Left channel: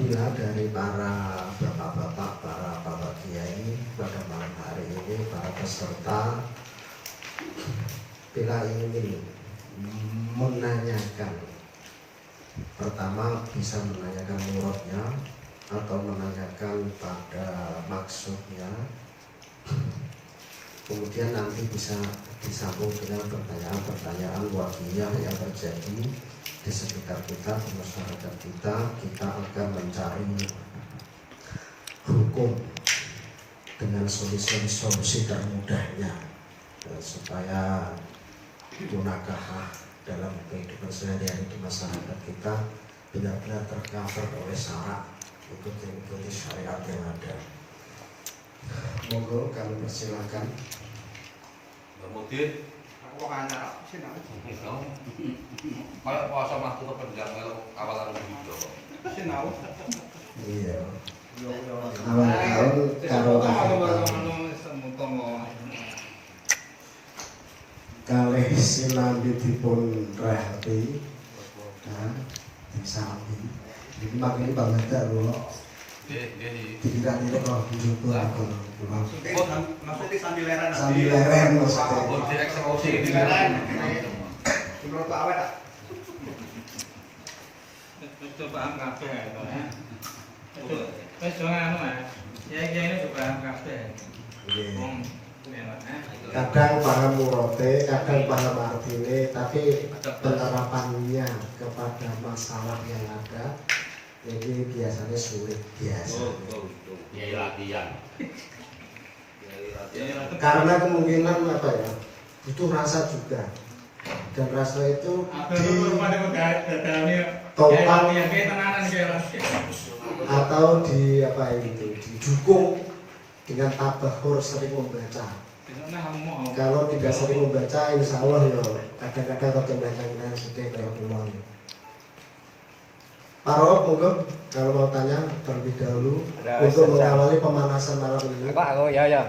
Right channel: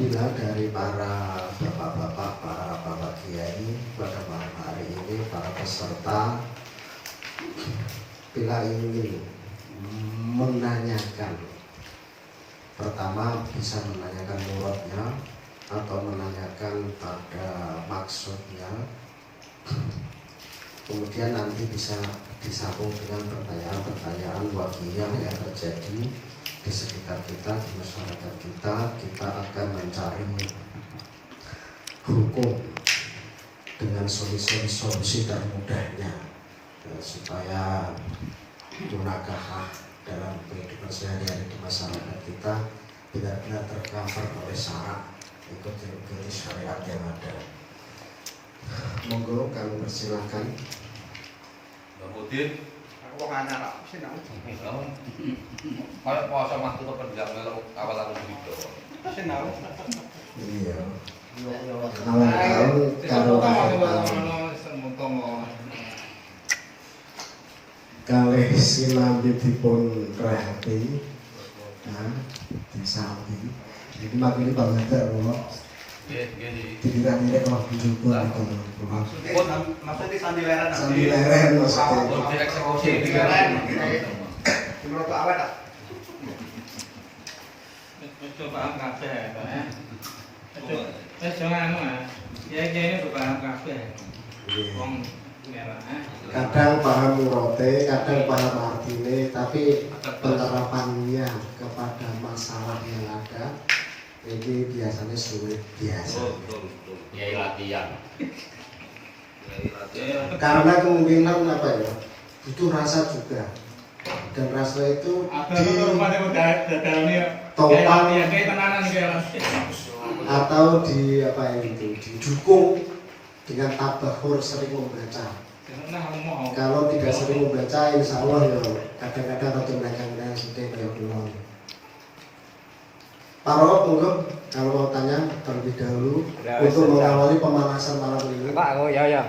apabila dari para bapak-bapak, para bapak kiai pada malam hari ini, para peserta bila ingin menanyakan, pertama bisa menanyakan muradnya atau menanyakan pada maksudnya, kemudian nanti bisa disambung dengan pertanyaan-pertanyaan waqiah yang terjadi di sekitar kita, di masyarakat kita. Kita akan mencari hukum dengan solusi termudahnya, supaya munakahah dalam kehidupan sehari-hari di masyarakat kita benar-benar tercover oleh syariat, ikuti syariat yang ada. Monggo kami persilakan. Mbak Mudin, aku kok ngarep sinau. kalau puasa waktu kependak melu awal aku video. Sinau. Iya. Yo yo. Awal-awal kalih sinambitipun rahati disami. Jadi makin banget lho. Tidak kok dijupur aku. Maksudnya sambil leren. Sambil leren maksudnya. Untuk eksekusi ini Leren. Menurut awet tak? Itu paham kabeh. Jangan anu ya. Ya ini udah paham kabeh. Wong Kadang paham murote, kadang paham artine, tapi penerapannya kepada masalah yang ada ini biasanya sulit biasa. Kiai latihan. Karena kemungkinan apa ya, itu rasa juga, dan rasa itu ditopang atau di apa itu didukung dengan tabahur sering membaca. Kalau tidak sering membaca, insya Allah ya kadang-kadang bagi mereka sudah kayak pulau. Pak Rob, monggo kalau mau tanya terlebih dahulu untuk mengawali pemanasan malam ini. Pak, aku ya.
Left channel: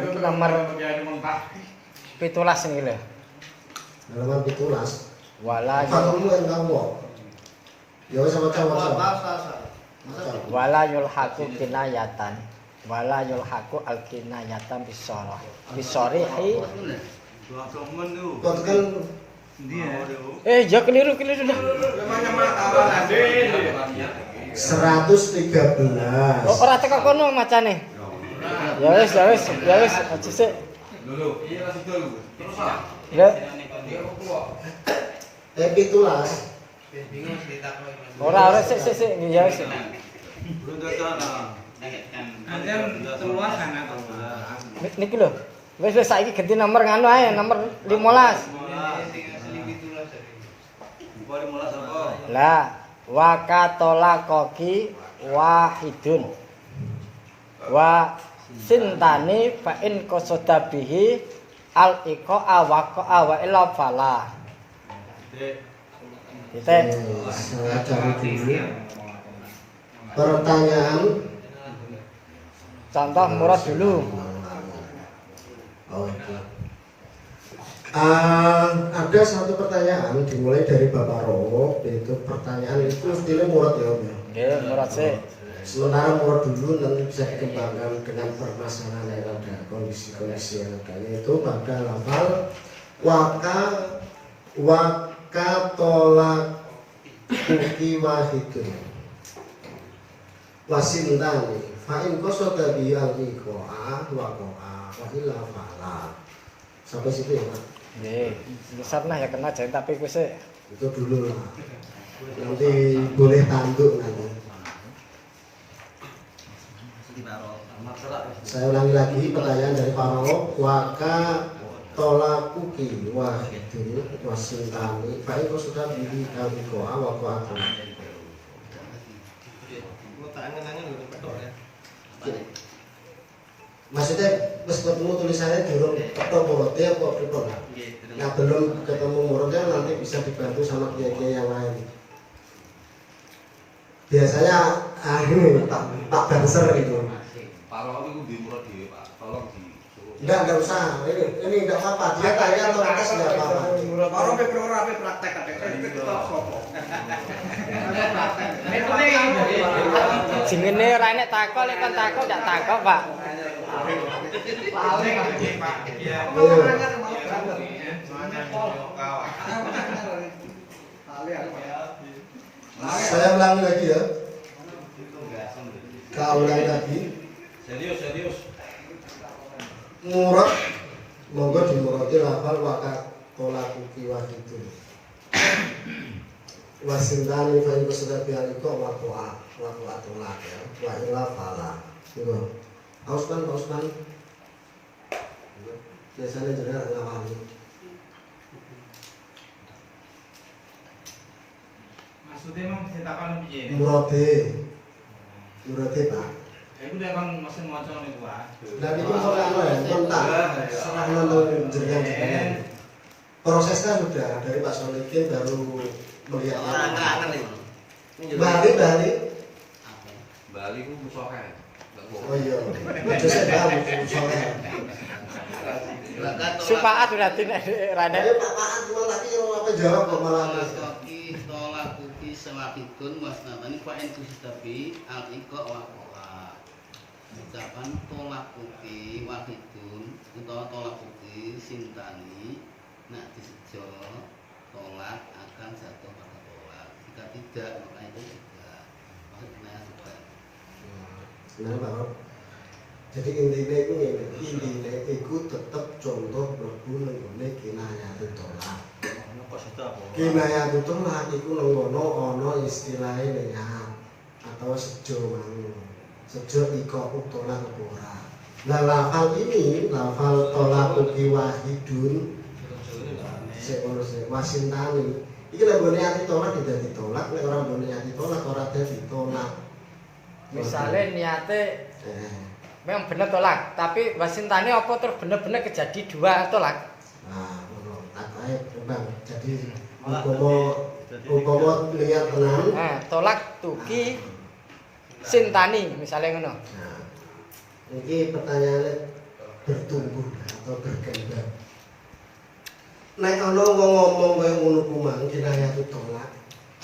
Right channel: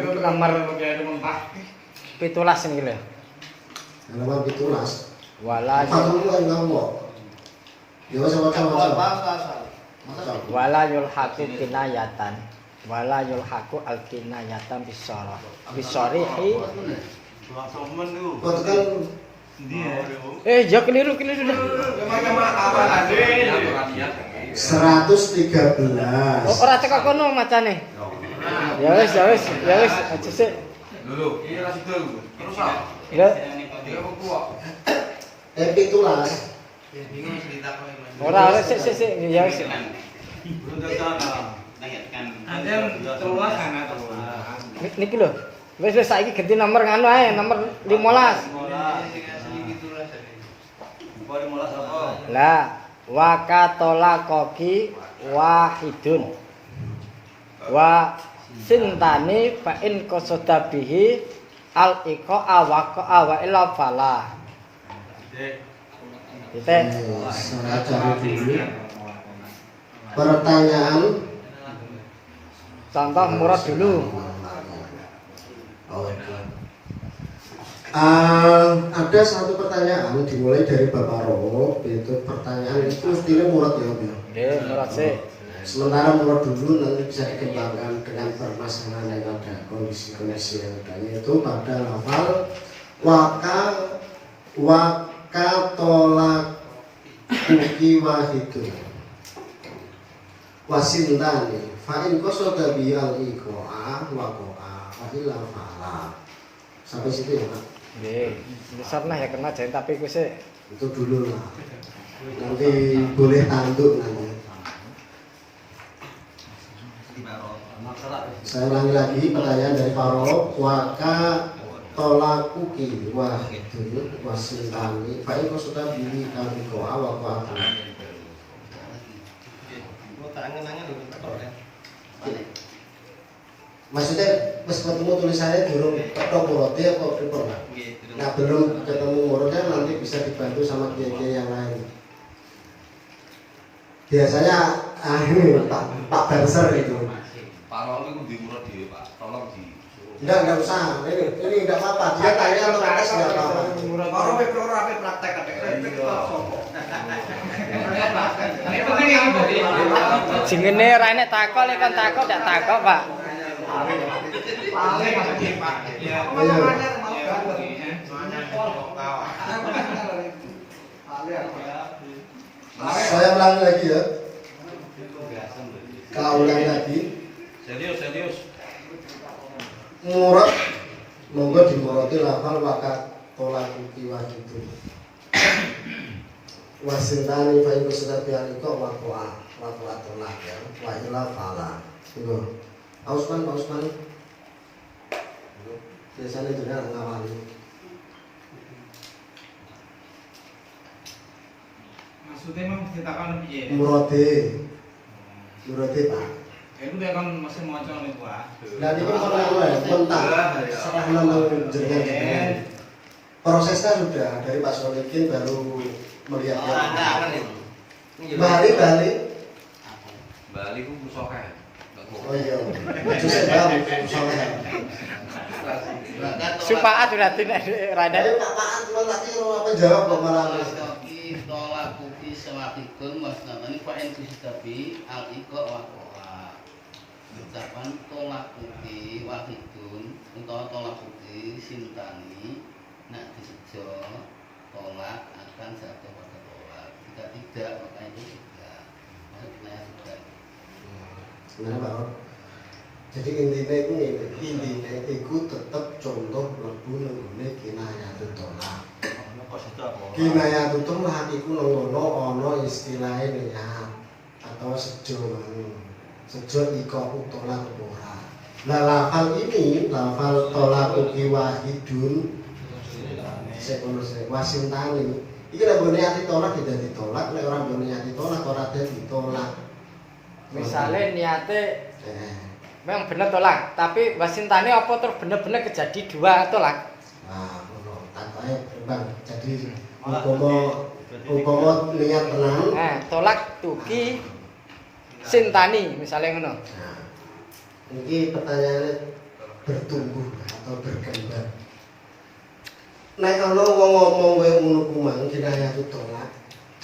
Itu nomor 17 ini lho. Halaman 17. Wala Dulu kan ngomong. Ya wis waca-waca. wala yulhaqu kinayatan. Wala yulhaqu al-kinayatan bisorihi. Kok kan Ya keliru dah. 113. Ora teko kono macane. Ya wis, aja sik. Lho, iya kasih dulu. Terus ah. Ya, 17. ora sik ya wis. Niki lho. Wis saiki ganti nomor nganu ae, nomor 15. Lah, wakatola koki wahidun. Wa sintani fa in qasada bihi al iqa wa illa fala. Titik. Saya cari dulu. Pertanyaan. Contoh murad dulu. Ada satu pertanyaan dimulai dari Bapak Rowo, itu pertanyaan itu mestinya murad ya Om ya. Nggih, murad sih. Sementara murad dulu nanti bisa dikembangkan dengan permasalahan yang ada, kondisi yang ada, yaitu pada lafal wakatolak kuki wahidun wasintani fa'in qasada bi al-iqa'a waqa'a wa illa fa'ala. Sampai situ ya Pak. Nggih, besarnah ya kena jen tapi ku sik. Itu dulu lah. Nanti boleh tanduk nanti. Saya ulangi lagi pertanyaan dari Pak Rob. Waka tolakuki wahidun wasintani fa'in qasada bi al-iqa'a waqa'a. Maksudnya pas ketemu tulisannya durung ketemu murodnya apa pripun? Nah belum ketemu murodnya nanti bisa dibantu sama kiai-kiai yang lain. Biasanya Pak Banser itu. Pak Rono itu di murad dhewe, Pak. Tolong di. Enggak usah. Ini enggak apa-apa. Dia tanya otomatis enggak apa-apa. Baru pe praktek. jengene ora enek takok lek kon takok gak takok, Pak. Paling lagi Pak. Ya. Saya ulangi lagi ya. Kau ulangi lagi. Serius. Murad monggo dimurati lafal wakat tolak uki wahidu. Wasintani fa iku sudah bialiko wakoa tolak ya. Wa ila fala. Tunggu. Ausman. Biasanya jenengan ngawali. Maksudnya memang ditakon piye? Murade Pak. Iku dia kan mesin maca niku, Pak. Lah niku serahno ya, mentah. Serahno nang jenengan. Prosesnya sudah dari Pak Solikin baru melihat. Bali ku musoke. Oh iya. Itu saya tahu soalnya. Supaat berarti nek Rane. Ayo Pak Pak cuma lagi kalau apa jawab kok malah. Tolak kuki sewakikun wasnamani fa'in kustabi al-iqa wakoha. Ucapan tolak kuki wahidun utawa tolak kuki sintani nak disejo tolak akan jatuh pada tolak. Jika tidak maka itu tidak. Maksudnya juga. Sebenarnya Pak. Jadi intinya itu tetap contoh mlebu nggone kinayatut tolak. Kinayatut tolak iku ngono ana istilahe niat atau sejo mang. Sejo iko tolak ora. Lah lafal ini lafal tolak uki wahidun sek wasintani. Iki lek nggone ati tolak tidak ditolak, nek ora nggone ati tolak ora ditolak. Misale niate memang bener tolak, tapi wasintane apa terus bener-bener kejadi dua tolak? Nah, ngono. Takoke Bang. Jadi umpama niat tenang. Tolak tuki sintani misalnya ngono. Nah, ini pertanyaannya bertumbuh atau berkembang. Nek ana wong ngomong kaya ngono kumang kinayatut tolak,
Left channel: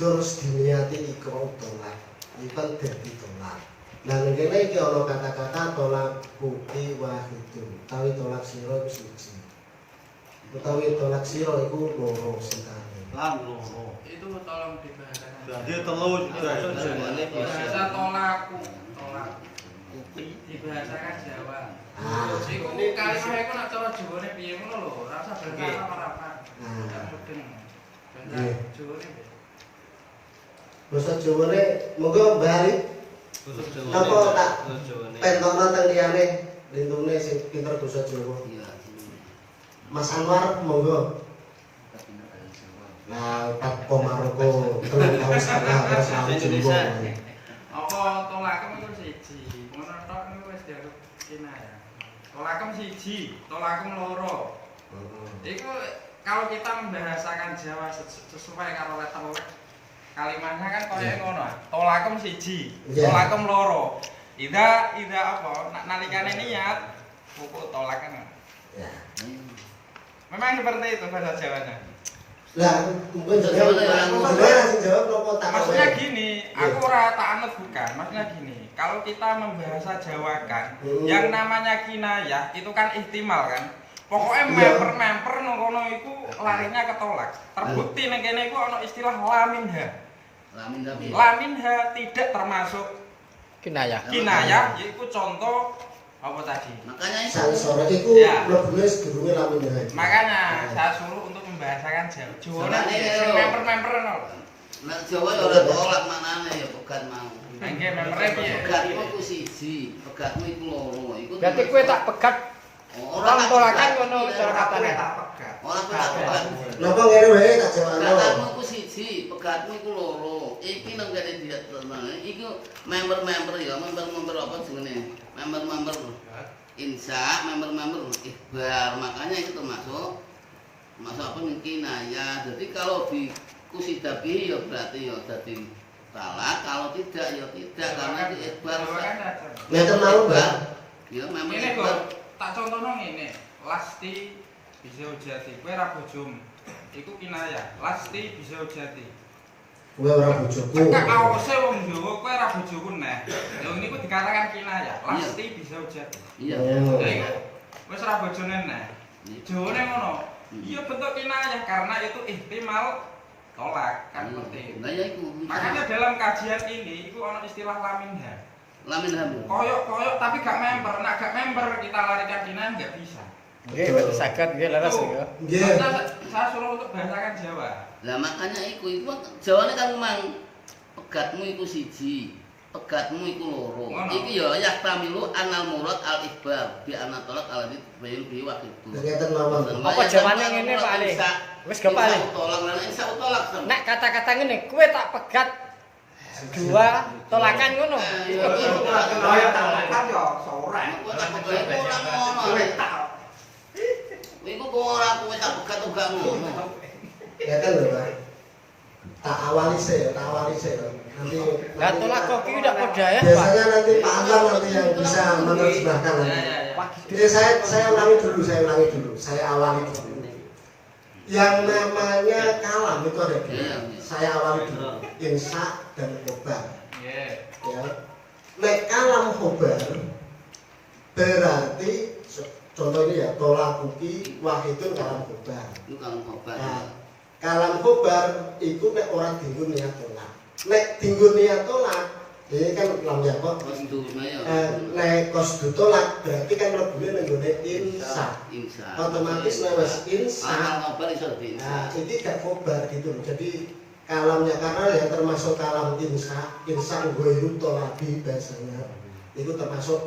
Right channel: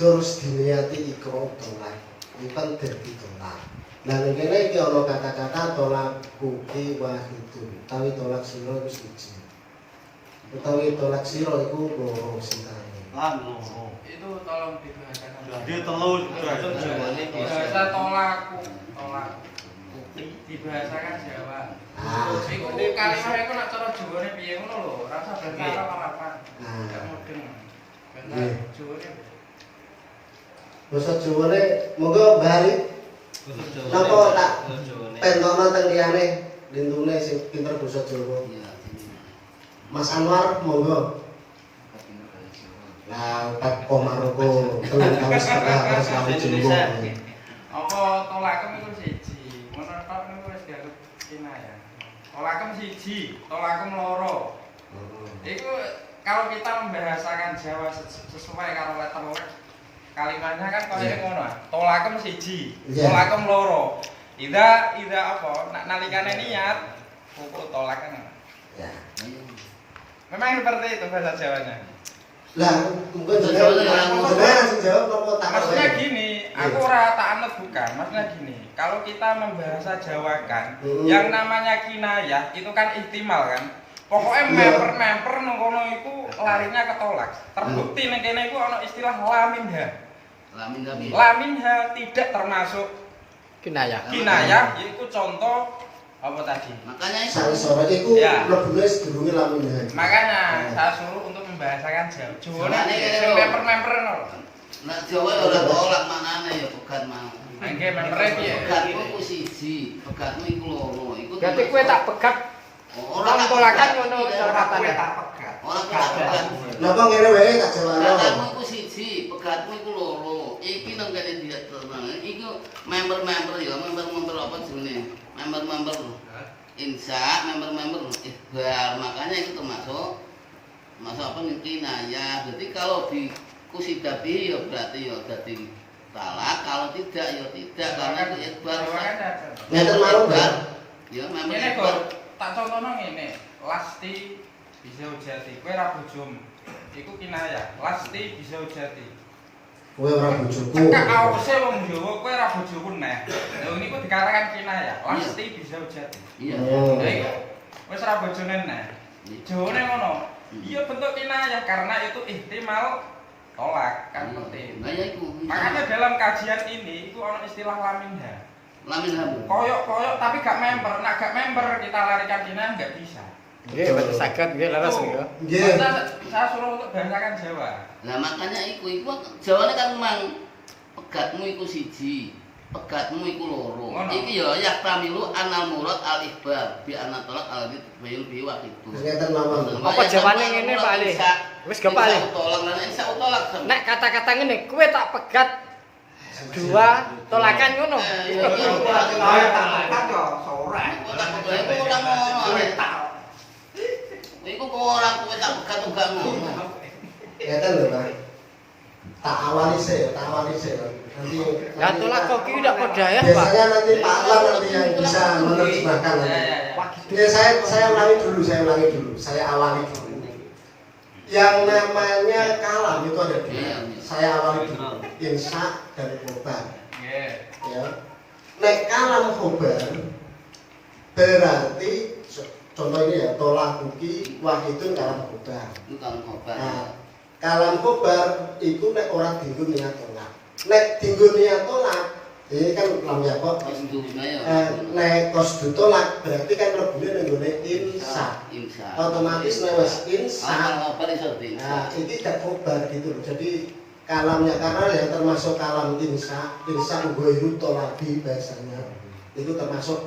terus diniati ikra tolak, iki kan dadi tolak. Nah ning kene iki ana kata-kata tolak kuki wahidun, utawi tolak sira iku siji. Utawi tolak sira iku loro sintane. Itu tolong dibahasakan. Jadi telu jawane Bahasa tolak kuki dibahasakan Jawa. Iku kalimat iku nek cara Jawane piye ngono lho, rasa berkata harapan. Gak mudeng. Bahasa Jawane. Basa Jawane monggo bali. Napa tak pentokno teng liyane lintune sing pinter basa Jawa. Mas Anwar monggo. Nah, tak komaroko telung tahun setengah terus kamu Jawa. Apa tolakem itu siji. Ngono tok niku wis dianggap kinayah. Tolakem siji, tolakem loro. Itu kalau kita membahasakan Jawa sesuai karo letter kalimatnya kan kaya ngono. Tolakem siji, tolakem loro. Ida apa? Nalikane niat pupuk tolakan. Ya. Memang seperti itu bahasa Jawanya. Lah, Maksudnya gini, aku ora tak anut bukan. Maksudnya gini, kalau kita membahasa Jawakan, yang namanya kinayah itu kan ihtimal kan. Pokoknya memper ngono iku larinya ketolak. Terbukti ning kene iku ana istilah laminha. Laminha tidak termasuk Kinayah. kinayah, yaitu contoh apa tadi? Makanya sore iku mlebune sedurunge laminha. Makanya saya suruh untuk membahasakan Jawa. Jawane memper no. Nek Jawa ya ora tolak manane ya pegat mau. Nggih mempere piye? Pegatmu ku siji, pegatmu iku loro. Iku Berarti kowe tak pegat orang tolakan ngono cara katane. Ora pegat. Napa ngene wae tak jawabno. Pegatmu iku siji, pegatmu iku loro. Iki nang kene dia tenang. Iku member-member ya, member apa jenenge? Member insya, member ikhbar. Makanya itu termasuk apa kinayah. Jadi kalau di kusidabi ya berarti ya dadi talak, kalau tidak ya tidak karena itu ikhbar. Ngeten malu Bang. Ya member Ini ikhbar. kok tak contohno ngene. Lasti bisa ujati. Kowe ra bojomu. Iku kinayah. Lasti bisa ujati. Kowe ora bojoku. Tekak awase wong Jawa kowe ra bojoku neh. dikatakan kinayah, pasti bisa jadi. Iya. Oh. Iya. Wis ra bojone neh. Jawane ngono. Iya bentuk kinayah karena itu ihtimal tolak kan seperti itu. Nah ya iku. Makanya dalam kajian ini itu ono istilah laminha. Lamin ham. Koyok-koyok tapi gak member. Nak gak member kita larikan kinayah nggak bisa. Nggih, betul saged nggih leres nggih. Nggih. Saya suruh untuk bahasakan Jawa. Lah makanya iku jawane kan memang pegatmu iku siji, pegatmu iku loro. Ngono. Iki ya yahtamilu anal murad al ikhbar bi anna talaq al bayil bi waqitu. Ngeten mawon. Apa jawabannya ngene, Pak Ali? Wis gak, Pak Ali? Tolak lan insa tolak. Nek kata-kata ngene, kowe tak pegat dua tolakan ngono. Iya. Ayo tak yo sore. Kok tak pegat iku ora ngono. Iku kok ora kowe tak pegat uga ngono. Ngeten lho, Pak. Tak awali sih. Nanti Lah tolak kok iki ndak padha ya, Pak. biasanya nanti Pak Awan nanti yang bisa menerjemahkan nanti. Ini saya ulangi dulu. Saya awali dulu. Yang namanya kalam itu ada dua. Saya awali dulu. Insya dan khobar. Ya. Nek kalam khobar berarti contoh ini ya tolakuki wahidun kalam khobar. Itu kalau khobar. Nah, kalam khobar itu nek orang dinggun niat tolak. Nek dinggun niat tolak ini kan lam yakok. Nek kosdu tolak berarti kan rebune nenggone insya. Otomatis nek wis insya. Khobar iso Nah, ini tidak khobar gitu loh. Jadi kalamnya karena yang termasuk kalam insya ghairu tolabi bahasanya. Itu termasuk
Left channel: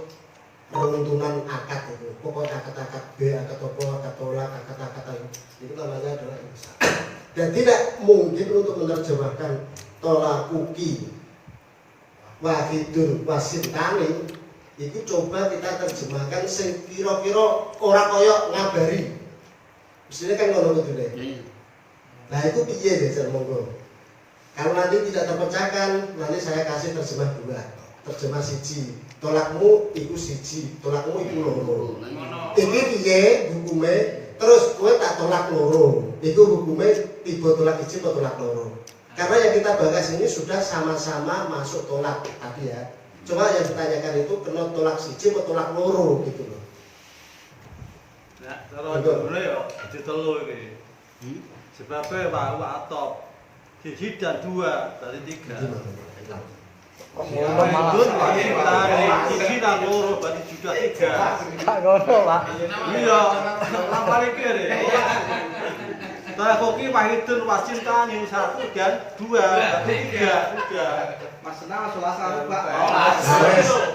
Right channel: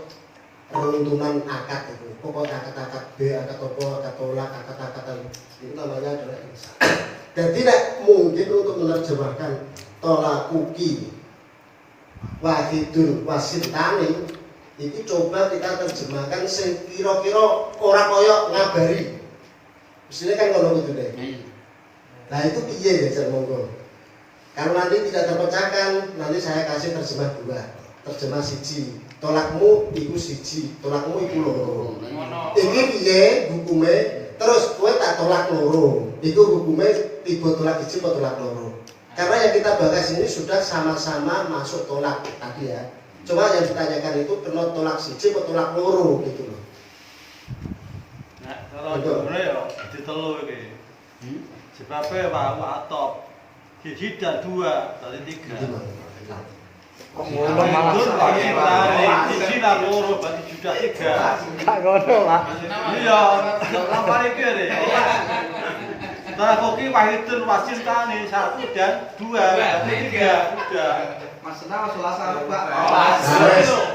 runtunan akad itu. Pokoknya akad-akad B, akad topo, akad tolak, akad-akad itu namanya adalah insya. Dan tidak mungkin untuk menerjemahkan tolakuki wahidun wasintani itu coba kita terjemahkan sing kira-kira ora koyok ngabari. Mestinya kan ngono gitu deh. Nah itu piye ya Jan monggo. Kalau nanti tidak terpecahkan, nanti saya kasih terjemah dua. Terjemah siji, tolakmu iku siji, tolakmu iku loro. Iki piye hukume? Terus kowe tak tolak loro. Iku hukume tiba tolak siji apa tolak loro. Karena yang kita bahas ini sudah sama-sama masuk tolak tadi ya. Cuma yang ditanyakan itu kena tolak siji atau tolak loro gitu loh. Nah, kalau jumlah ya ditelu iki. Sebabnya mau atop siji dan dua dari tiga. Kok ngono malah. Siji dan loro berarti sudah tiga. Gak ngono, Pak. Iya, lapar iki lho. Tolak koki wahidun wasintani 1 dan 2 berarti 3 udah. Maksudnya selasa Pak.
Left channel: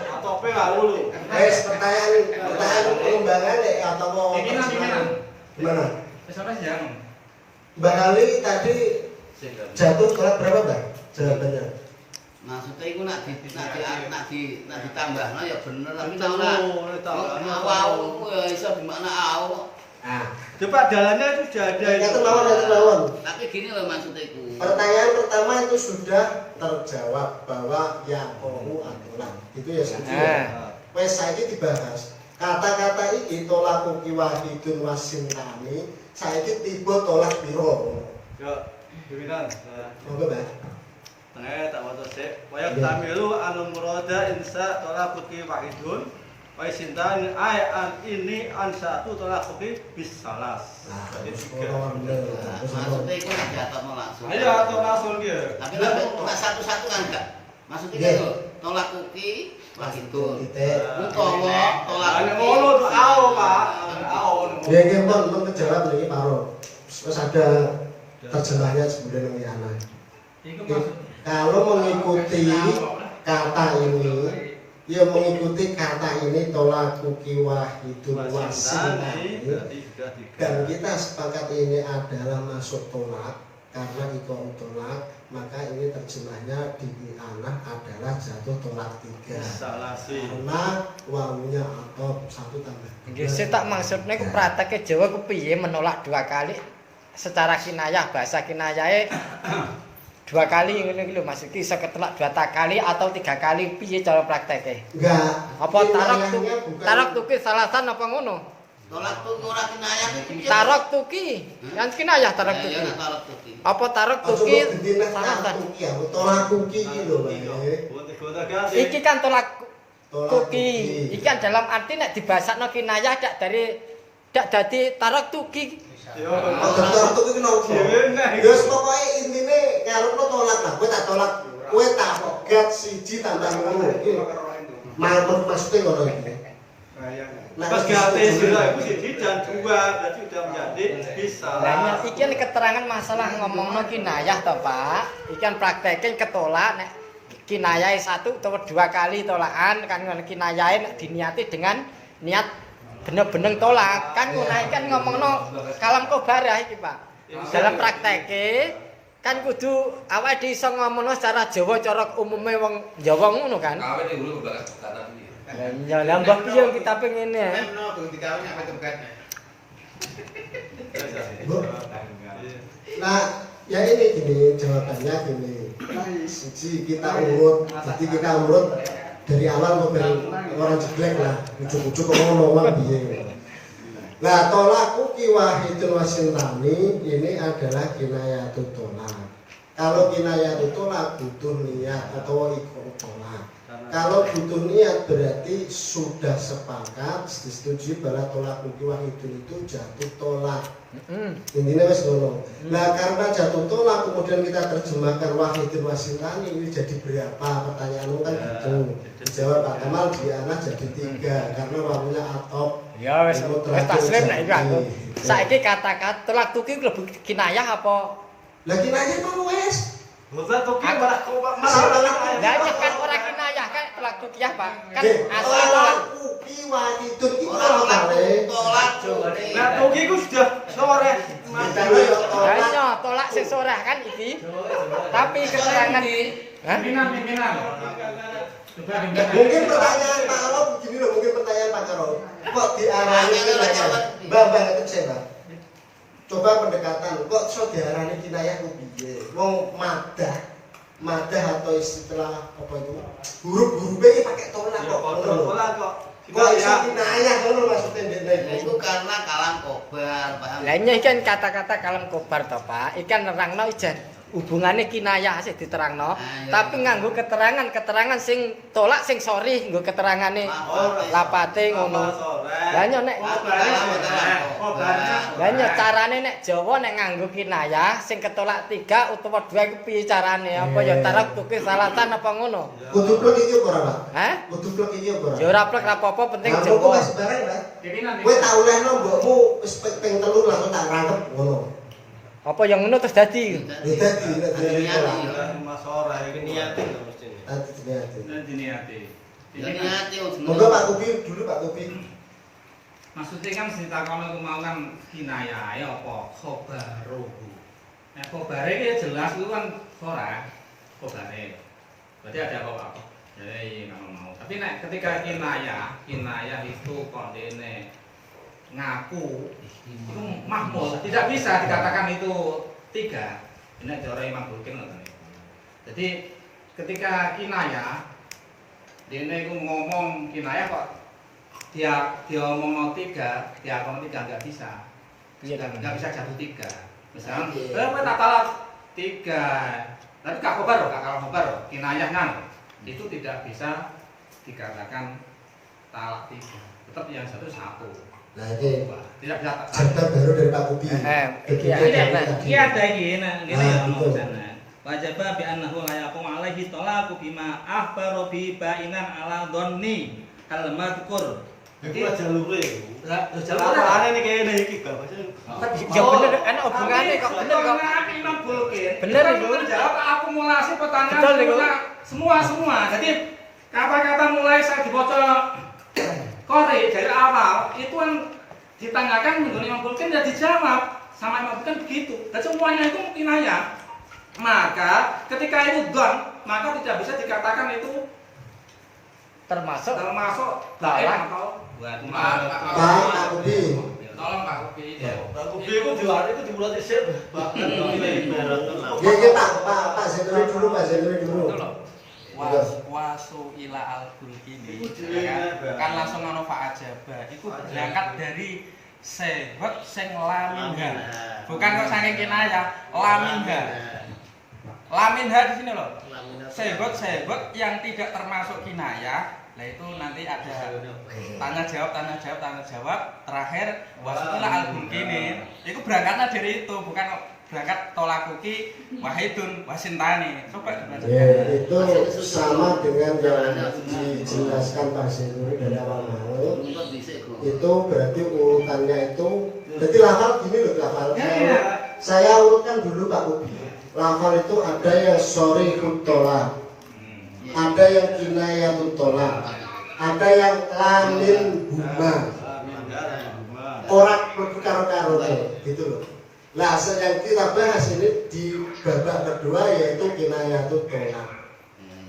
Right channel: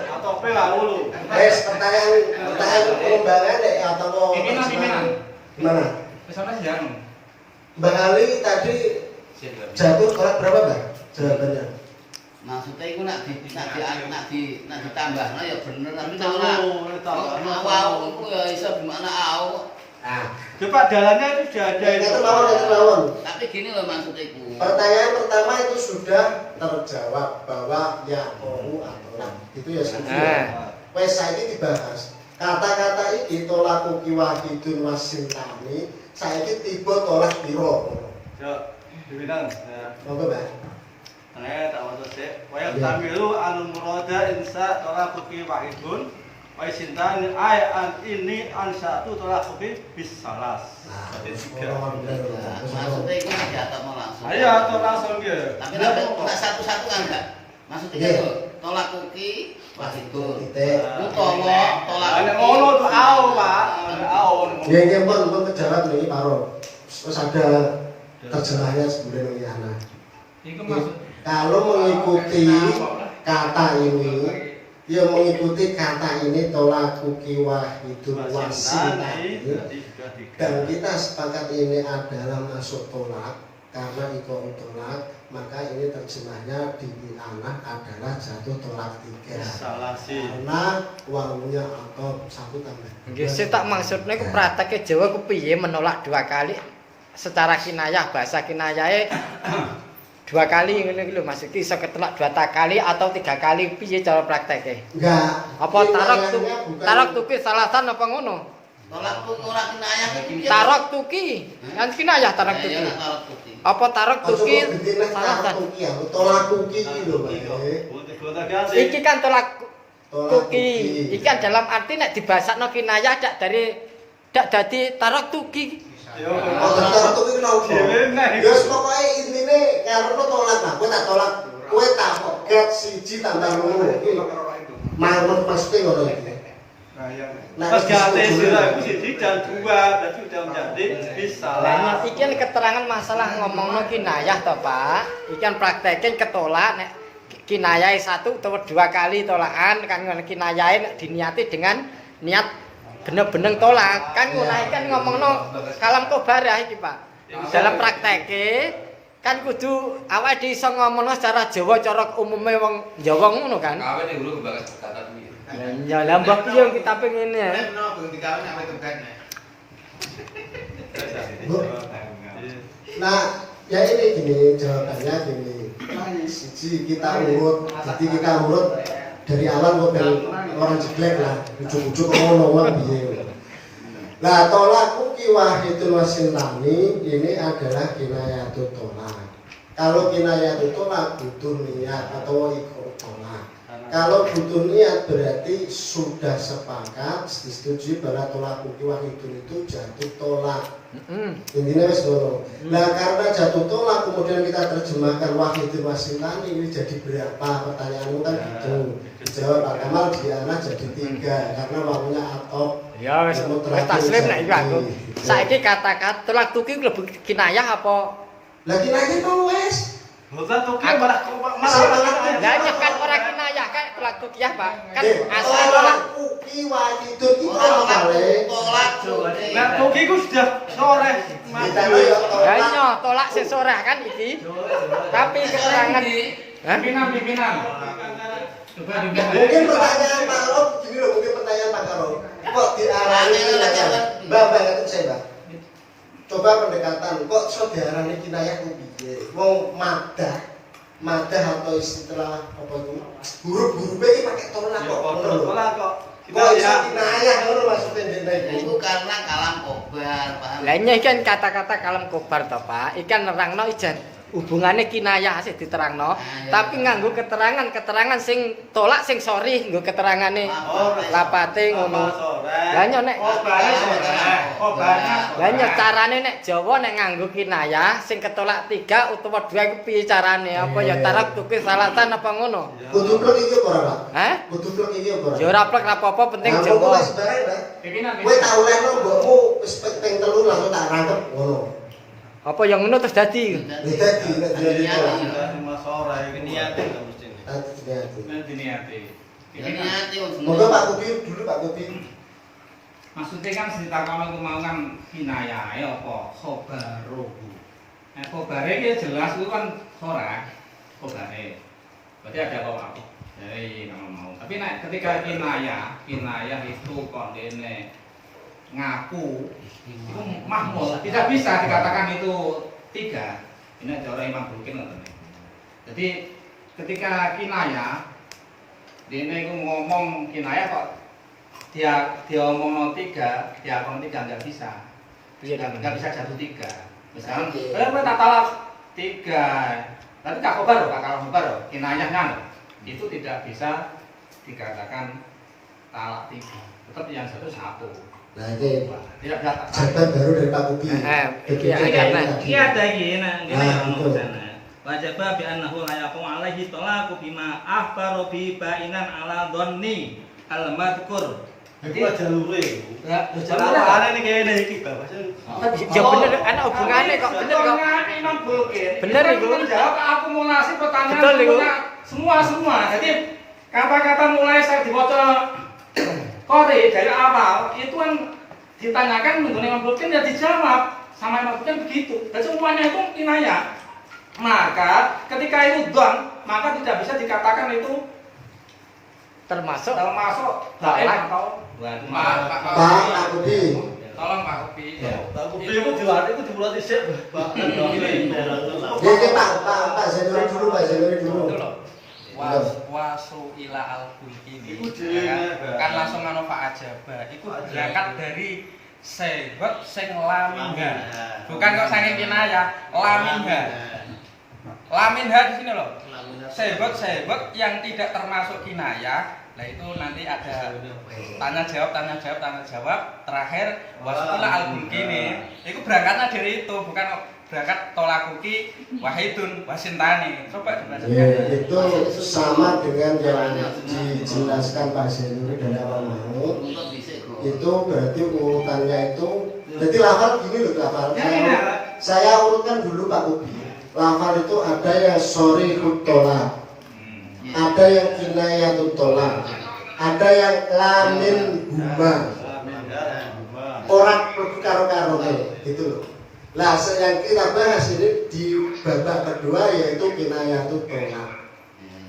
Atau pe lalu. Wes pertanyaan pengembangan ya atau mau gimana? Sama sih jangan. Mbak Ali tadi jatuh tolak berapa Mbak? Jawabannya. Maksudnya itu nak ditambahno ya bener tapi tak ora. Awal iku ya iso di makna au. Nah, Coba dalamnya itu sudah ada itu mawon. Tapi gini loh maksudnya itu. Pertanyaan pertama itu sudah terjawab bahwa ya mau atau nah. Itu ya sudah. Wes saiki dibahas. Kata-kata iki tolakuki wahidun wasintani, saiki tiba tolak piro? Ya, dibilang. Monggo, Mbak. Tak mau sih. Wa tamilu anu murada insa tolakuki wahidun wa sintani an ini an 1 tolakuki bis salas. Nah, Jadi 3. Maksudnya itu nak jatuh mau langsung. Ayo atau langsung gitu. Tapi nak satu-satu kan enggak. Maksudnya itu tolak kuki wahidun. Utawa tolak kuki. Ada ngono tuh au, Pak. Au. Ya nggih pun kejawab niki Paro. Terus ada terjemahnya sebenarnya ini ana. Kalau mengikuti kata ini, ya mengikuti kata ini tolakuki wahidun wasintani. Dan kita sepakat ini adalah masuk tolak karena iko tolak, maka ini terjemahnya di anak adalah jatuh tolak 3. Karena wawunya atau 1 tambah 2. Nggih, sing tak maksudne ku praktek Jawa ku piye menolak 2 kali secara kinayah, bahasa kinayahe 2 kali ngene iki lho Mas, iki iso ketolak 2 kali atau 3 kali piye cara prakteke? Enggak. Apa tarok tuki salasan apa ngono? Tolak kuki ora kinayah iki. Tarok tuki, yang kinayah tarok tuki. Ya tolak kuki. Apa tarok tuki salasan? Tolak kuki iki lho, Pak. Iki kan tolak kuki. Ikan dalam arti nek dibasakno kinayah dak dadi tarok tuki. Yo, Oh, terus tuh iki nopo? Ya pokoke intine ngarepno tolak lah. Kowe tak tolak, kowe tak poget 1 tambah 2. Iki maksudnya ngono iki. Pegate sira iku 1 dan 2 berarti udah menjadi bisa. Lah iki keterangan masalah ngomongno kinayah to, Pak. Ikan praktekin ketolak nek kinayah 1 utawa 2 kali tolakan kan ngono kinayahe nek diniati dengan niat bener-bener tolak kan ngono kan ngomongno kalam kobarah iki Pak. Dalam prakteke kan kudu awake dhewe iso ngomongno secara Jawa cara umume wong Jawa ngono kan. Kawin ning guru bakas kata iki. Ya lah mbah piye wong kita pengen ya. Nah, ya ini gini jawabannya gini. Siji kita urut, jadi kita urut dari awal mobil orang jelek lah, ujuk-ujuk ngomong piye. Nah, tolak uki wahidun wasintani ini adalah kinayatut tolak. Kalau kinayatut tolak butuh niat atau ikut tolak. Kalau butuh niat berarti sudah sepakat disetujui bahwa tolak uki wahidun itu jatuh tolak. Intinya wis ngono. Nah, karena jatuh tolak kemudian kita terjemahkan wahidun wasintani ini jadi berapa? Pertanyaanmu kan gitu. Dijawab Pak Kamal Diana jadi 3 karena wawunya atop. Ya wis taslim nek iku aku. Saiki kata-kata tolak tuki lebih kinayah apa? Lah kinayah mau wis. Bosan tuh Aku- malah Lah kan ora kinayah kan tolak tuki ya, Pak. Kan asli tolak. Uki wahidun itu Tolak apa? tolak. Nah, tuki ku sudah sore. Kita lihat tolak. Hanya tolak sing sorah kan iki. Tapi keterangan Hah? Pimpinan. Coba Mungkin pertanyaan Pak Alo gini loh, mungkin pertanyaan Pak Karo. Kok diarani kinayah? Mbak itu saya, Mbak. Coba pendekatan, kok iso diarani kinayah ku piye? Wong madah atau istilah apa itu? Huruf-huruf iki pakai tolak kok ngono lho. Tolak kok. Kok iso kinayah ngono maksudnya ndene Nah, iku? itu karena kalam kobar, paham? Lah ini kan kata-kata kalam kobar to, Pak. Ikan nerangno ijan hubungannya kinayah sih diterangno, iya. tapi nganggo keterangan sing tolak sing sorry nggo keterangane lapate ngono. Lah nek lah carane nek Jawa nek nganggo kinayah sing ketolak 3 utawa 2 iku piye carane? Apa ya tarak tuki salatan apa ngono? Kudu plek iki apa ora, Pak? Hah? Kudu plek iki apa ora? Ya ora plek apa-apa penting Nah, Jawa. kok sebarang, Mbak? Pimpinan. Kowe tak olehno mbokmu wis ping 3 langsung tak rangkep ngono. Apa yang ngono terus dadi? Beda di nek Hati-hati, Mas ora iki niatin to mesti. Nanti niati. Jadi hati Monggo Pak Kupi dulu Pak Kupi. Maksudnya kan cerita kamu mau kan kinayah ya apa khobaruhu. Nah khobare iki jelas itu kan sora khobare. Berarti ada apa? Jadi kamu mau. Tapi nek ketika kinayah itu kok dene ngaku itu mahmul, tidak bisa dikatakan itu 3. Ini cara Imam Bukin ngoten. Jadi ketika kinayah dene iku ngomong kinayah kok dia ngomong 3, dia ngomong 3 enggak bisa. Enggak bisa jatuh 3. Misalnya, kowe tak talak 3. Nanti kak khobar, kinayahnya itu tidak bisa dikatakan talak 3. Tetap yang satu. Nah ini Tidak bisa jawaban baru dari Pak Kupi. Ini ada gini, gini ya betul. sana. Wajib bi annahu la yaqum alaihi talaqu bima akhbaru bi bainan ala dhanni al madhkur. Iku jalure iku. Lah, Jalurane nek kene iki Bapak. Ya bener ana hubungane kok bener kok. Imam Bulkin. Bener itu itu. menjawab akumulasi pertanyaan Betul itu. semua. Jadi kata-kata mulai saya dibaca Kori dari awal itu kan ditanyakan mengenai Imam Bulkin ya dijawab sama Imam Bulkin begitu. Dan semuanya itu kinayah. Maka ketika itu don, maka tidak bisa dikatakan itu Termasuk baik atau Pak Kupi. tolong Pak Upi. Pak Kupi iku dibuat dhisik, Pak. Nggih Pak Zainuri dulu Pak Zainuri dulu. Itu loh. Wasu ila al bulkini Iku dhewe, kan langsung anu Pak Ajaba. Iku berangkat dari sehwat sing laminha. Bukan kok saking kinayah, laminha. Laminha di sini loh. Sehwat yang tidak termasuk kinayah Nah itu nanti ada tanya jawab. Terakhir wasuila al-bulkini. Itu berangkatnya dari itu, bukan berangkat tolakuki wahidun wasintani. Coba Ya, itu sama dengan yang dijelaskan Pak Senuri dari awal mau. Itu berarti urutannya itu. Berarti lafal gini loh lafal. Saya urutkan dulu Pak Ubi. Lafal itu ada yang sorihut tolak, ada yang kinayatut tolak, ada yang lamin huma. Orang karo-karo gitu loh. Nah, yang kita bahas ini di babak kedua yaitu kinayatut tolak.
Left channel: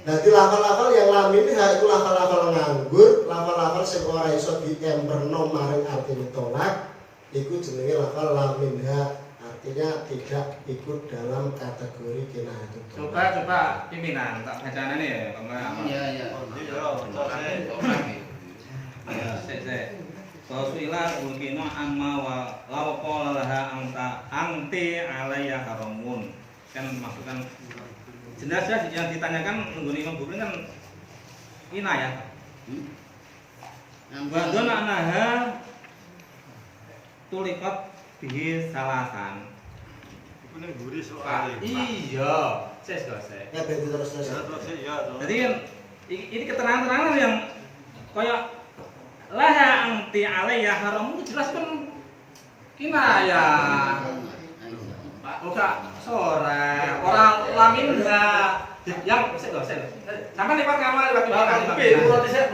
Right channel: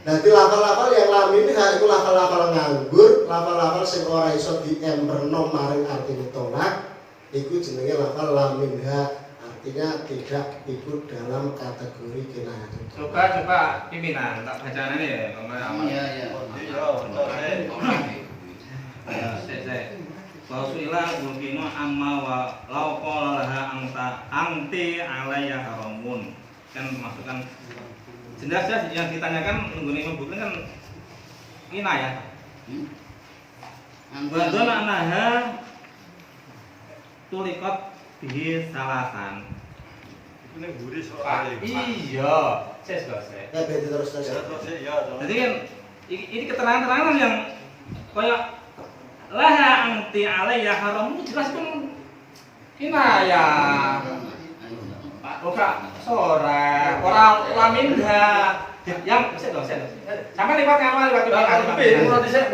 Nanti lafal-lafal yang lamin itu lafal-lafal nganggur, lafal-lafal sing ora iso diemperno maring artine tolak, iku jenenge lafal laminha. Artinya tidak ikut dalam kategori kinayatut tolak. Coba pimpinan tak bacaan ini ya, Pak. Iya. Wasuila bulkino amma wa lau qala laha angti alayya haramun. Kan masukkan jelas-jelas yang ditanyakan mengguni Imam Bukhari kan kinayah. Wa dzana anaha tuliqat bihi salasan. Iku ning mburi soal. Iya, ses. Ya berarti terus. Jadi kan ini keterangan-keterangan yang kayak laha angti alayya haram jelas kan kinayah. Ora sora, ora laminha. Yang ses. Sampai lewat kamu lewat Murad dhisik.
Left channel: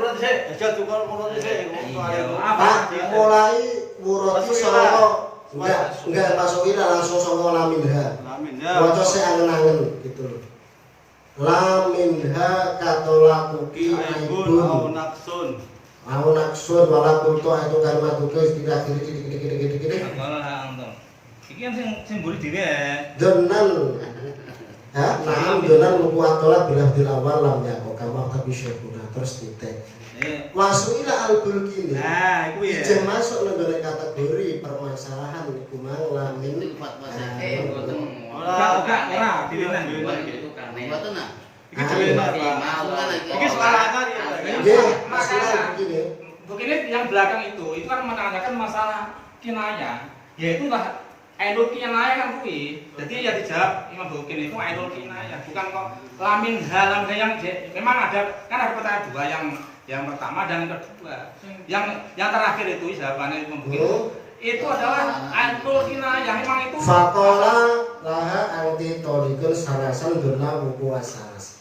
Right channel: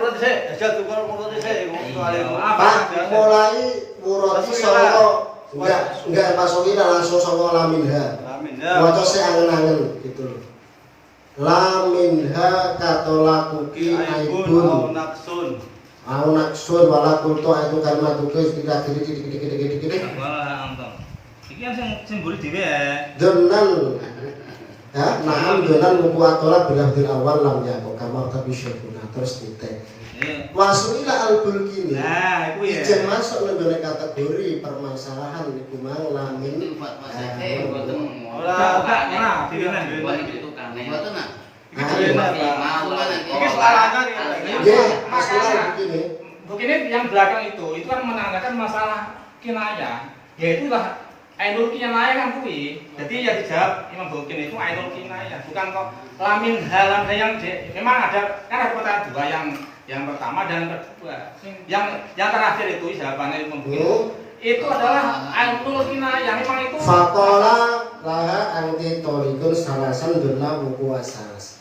Aja tukar murad dhisik. Pak, mulai murati solo enggak masukin langsung sama laminha. Waca sing angen-angen gitu loh. Laminha katolakuki aibun au naksun wala kultu itu kalimat itu tidak gede. Wala anton. Iki kan sing mburi dhewe ya. Donan naham donan muku atola bilafdil awal lam yakok kamar tapi syekuna terus titik. Wasuila al-bulkini. Nah, iku ya. Ijen masuk ning kategori permasalahan niku mang lamin. Ora, dilihat. Iki selarakan ya. Nggih, masalah begini. Begini yang belakang itu kan menandakan masalah kinayah, yaitu lah ainul kinayah kan kuwi. Jadi ya dijawab Imam Bukhari itu ainul kinayah, bukan kok lamin halam yang memang ada kan ada pertanyaan dua yang pertama dan yang kedua. Yang terakhir itu jawabannya Imam Bukhari itu adalah ainul kinayah memang itu. Faqala laha anti tolikun salasan dunna buku asas.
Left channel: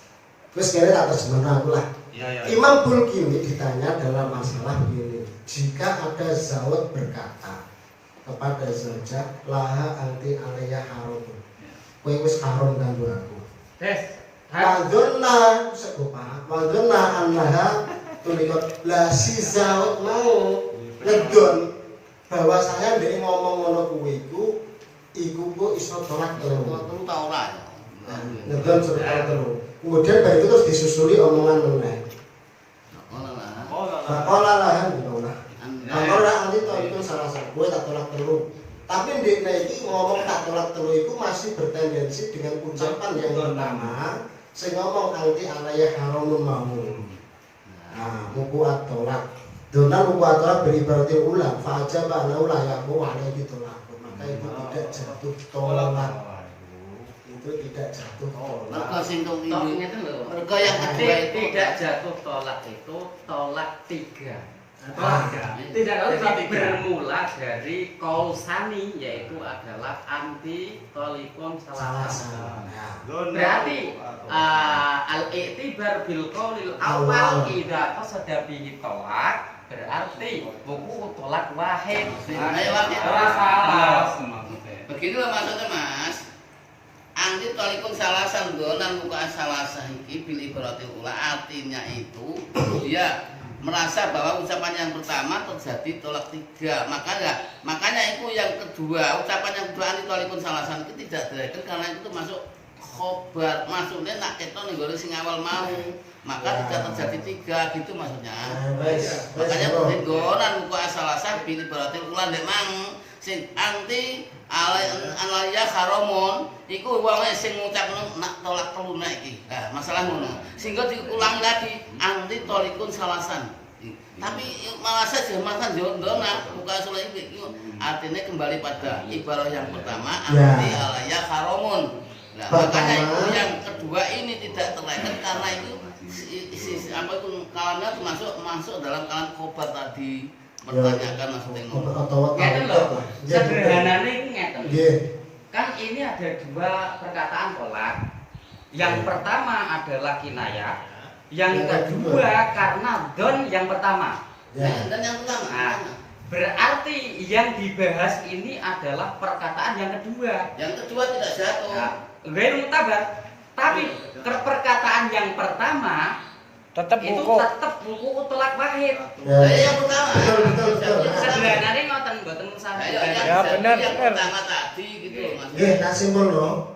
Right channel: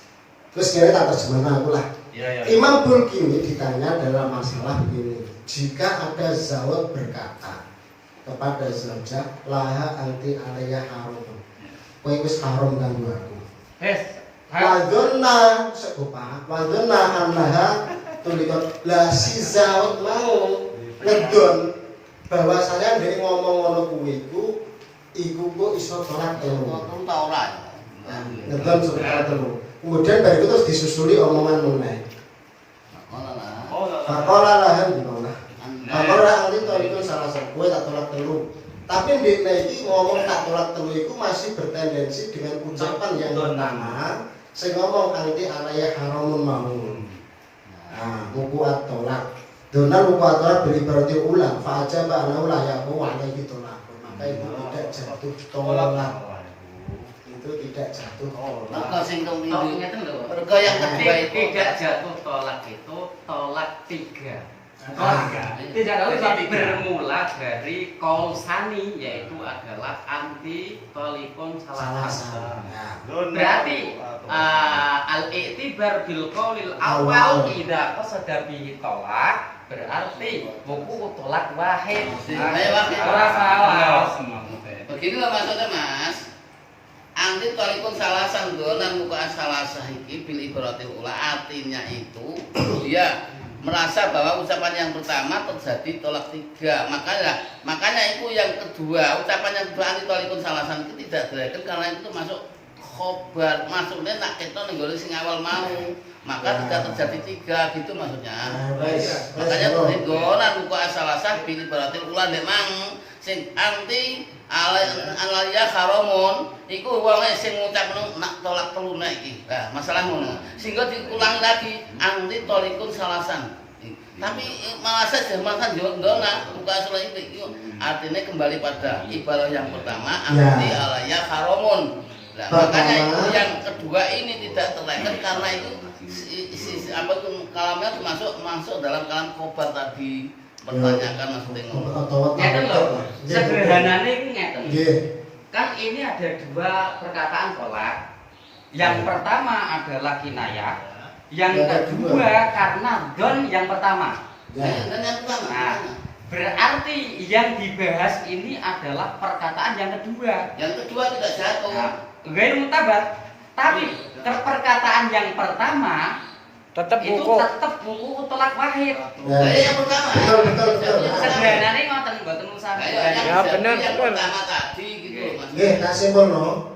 Terus kira tak terjemah aku lah. Ya. Imam Bulkini ditanya dalam masalah begini. Jika ada zawat berkata kepada zaujah laha anti alayya harum. Kowe wis harum kanggo aku. Wadonna sebupa. Wadonna annaha tulikot la si zawat mau ngedon bahwa saya dari ngomong ngono kuwi iku kok iso tolak telu. ta ora. Ngedon sebentar telu. Kemudian baru itu terus disusuli omongan mengenai Fakola lahan gimana? Fakola nanti toh itu salah satu gue tak tolak telu. Tapi di ini ngomong tak tolak telu itu masih bertendensi dengan ucapan yang pertama. Saya ngomong nanti alayah haramun mamun. Nah, muku at-tolak. Donal muku at-tolak beribaratnya ulang. Fa'ajab ana ulah ya ku alaihi tolak. Maka itu tidak jatuh tolak. Itu tidak jatuh tolak. Maka sing tong ngeten lho. Mergo yang kedua itu tidak jatuh tolak itu tolak tiga. Tidak lalu Bermula dari kausani yaitu adalah anti tolikon salasan. Berarti al-i'tibar bil qaulil awal idza qasada bihi tolak berarti buku tolak wahid. ora salah. Beginilah maksudnya Mas. Anti tolikun salasan donan muka salasah iki bil ibarati ula artinya itu dia merasa bahwa ucapan yang pertama terjadi tolak tiga. Makanya itu yang kedua ucapan yang kedua anti tolikun salasan itu tidak direkan karena itu masuk khobar maksudnya nak ketok ning gone sing awal mau. Maka tidak terjadi 3 gitu maksudnya. Makanya terhinggonan buku asal-asal pilih berarti ulan dek mang sing anti alaya haramon iku wonge sing ngucapno nak tolak telu nek iki. Nah, masalah ngono. Sehingga diulang lagi anti tolikun salasan. Tapi malah saja makan dona buku asal itu artinya kembali pada ibarat yang pertama anti alaya haramon. Nah, makanya itu yang kedua ini tidak terleket karena itu apa itu kalamnya masuk dalam kalam khobar tadi pertanyakan maksudnya ngono. Ngeten lho. Sederhanane iku ngeten. Kan ini ada 2 perkataan tolak. Yang pertama adalah kinayah, yang kedua karena don yang pertama. Dan yang pertama. Nah, berarti yang dibahas ini adalah perkataan yang kedua. Yang kedua tidak jatuh. Nah, ghair mutabar. Tapi perkataan yang pertama tetap itu buku. tetap buku tolak wahid. Yang pertama. Betul. Sederhanane ngoten mboten usah. Ya, benar. Yang pertama tadi gitu loh Mas. Nggih, tak simpulno.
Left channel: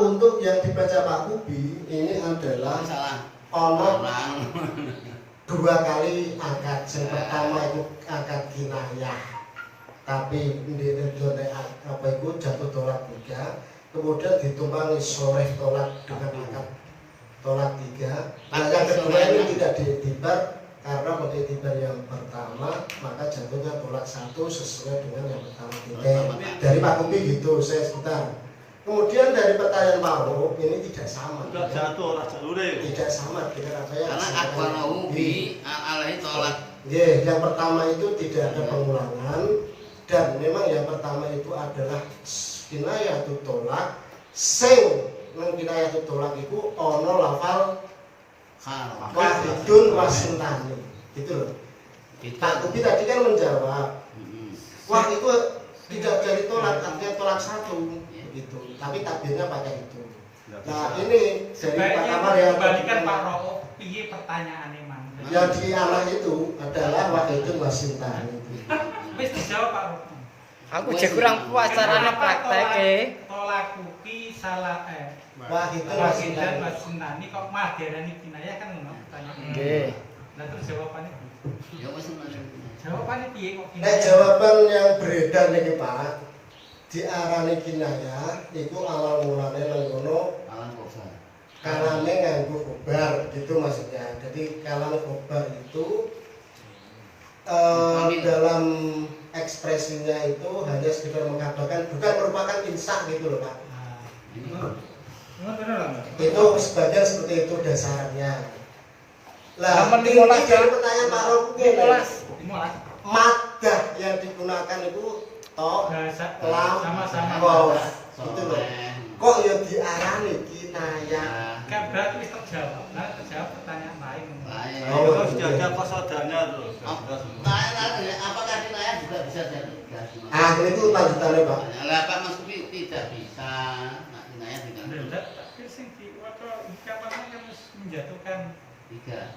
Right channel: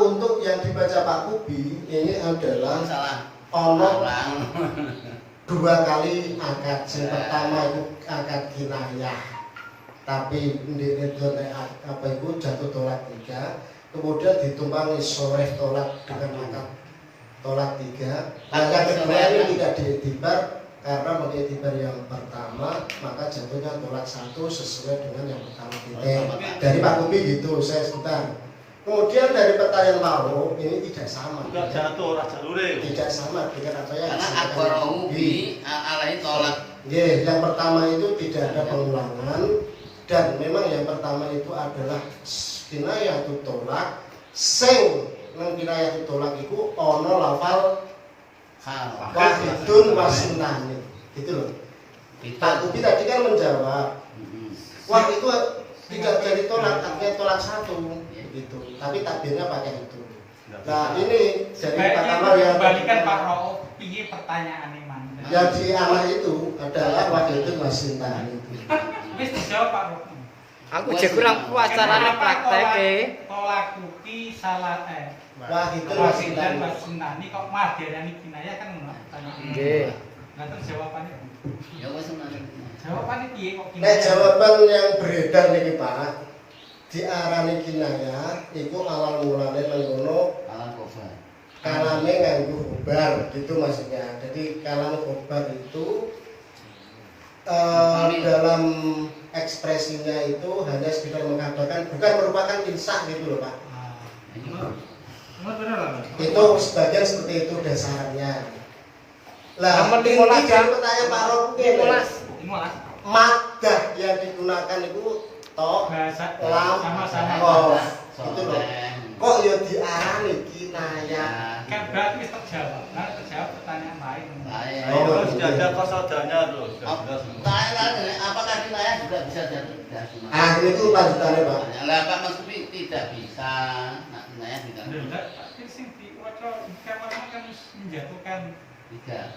Untuk yang dibaca Pak Kubi ini adalah Salah. ono Orang. 2 kali akad. Yang pertama itu akad kinayah. Tapi ndek apa itu jatuh tolak 3. Kemudian ditumpangi soreh tolak dengan akad tolak 3. Nah, yang kedua ini tidak diiktibar karena mengiktibar yang pertama maka jatuhnya tolak 1 sesuai dengan yang pertama dari Pak Kubi gitu. Saya sebentar. Kemudian dari pertanyaan Pak Ro ini tidak sama. Enggak jatuh ora jalure. Tidak sama dengan apa yang Karena akbarohu bi alaihi tolak. Nggih, yang pertama itu tidak ada pengulangan dan memang yang pertama itu adalah kinayah tu tolak sing nang kinayah tu tolak iku ana lafal wahidun wasintani gitu loh. Pak Kubi tadi kan menjawab wah itu tidak jadi tolak artinya tolak 1 begitu tapi takbirnya pakai itu. Nah ini dari Pak Kamar yang kembalikan Pak Rauf piye pertanyaane man. yang di arah itu adalah wahidun wasintani itu. Wis dijawab Pak Rauf. Aku je kurang puas carane prakteke. Tolak kupi salah Wahidun Wasidan wasintani. wasunani kok madarani kinayah kan ngono pertanyaan. Nggih. Nah terus jawabannya Ya wis jawabannya piye kok Nek jawaban yang beredar niki Pak diarani kinayah iku awal mulane nang ngono alam khobar. kalame nganggo khobar gitu maksudnya. Jadi kalam khobar itu dalam ekspresinya itu hanya sekedar mengkabarkan bukan merupakan insah gitu loh Pak. Itu sebagian seperti itu dasarnya. Lah, Nomor ini 15 dari pertanyaan Pak Rob 15. madah yang digunakan itu to bahasa lam sama-sama. oh gitu loh. Kok ya diarani kinayah. Kan berarti wis terjawab. Nah terjawab pertanyaan lain. Baik. Terus ada kosadanya tuh. Apakah kinayah juga bisa jadi? Ah, itu lanjutannya Pak. Lah Pak Mas Kubi tidak bisa. Nah, kinayah tidak. Enggak, tapi sing diwaca kamane kan menjatuhkan 3.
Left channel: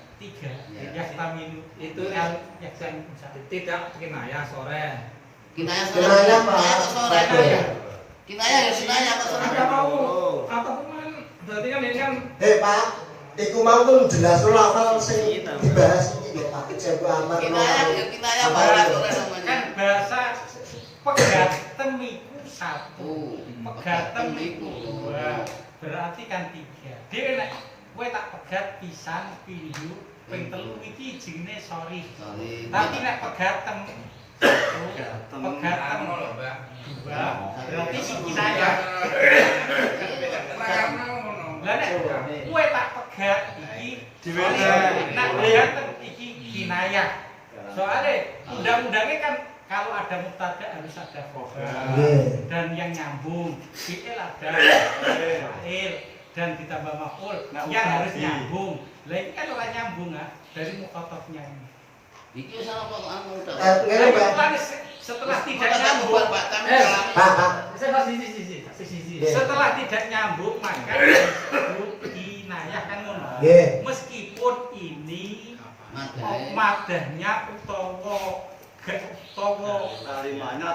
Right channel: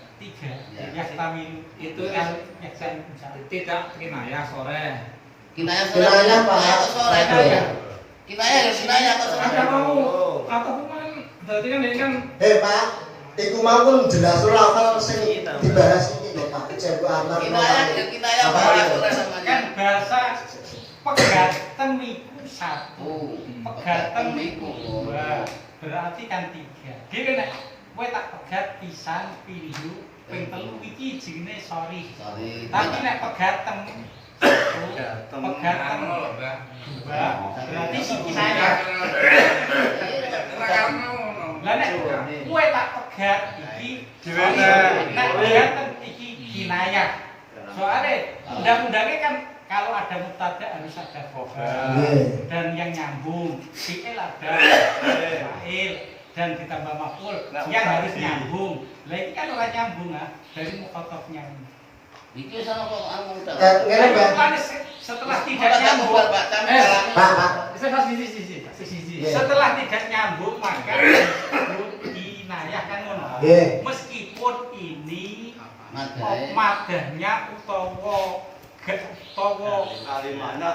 Ya. Yahtamilu Itu yahsan tidak kinayah sore. Kinayah sore. Kinayah, Pak. Kinayah kok sore. Kinayah ya kinayah kok sore. Atau kan berarti kan ini kan Pak, iku mau pun jelas lafal sing dibahas iki lho Pak. Cebu aman. Kinayah ya kinayah Pak sore namanya. kan bahasa pegaten iku 1. Pegaten iku 2. Berarti kan 3. Dhewe nek kowe tak pegat pisan pindho ping 3 iki jenenge sorry. Tapi nek pegaten pegaten 2 berarti siji saya. Lah nek kowe tak pegat iki nek pegaten iki kinayah. Soalnya undang-undangnya kan kalau ada mubtada harus ada khobar dan yang nyambung fi'il ada fa'il dan ditambah maf'ul yang harus nyambung. Lah ini kan ora nyambung dari mukhatabnya ini. Iki sama kok anu ta. Ngene Pak. Setelah tidak nyambung, setelah tidak nyambung maka disebut kinayah kan ngono. Meskipun ini madahnya utawa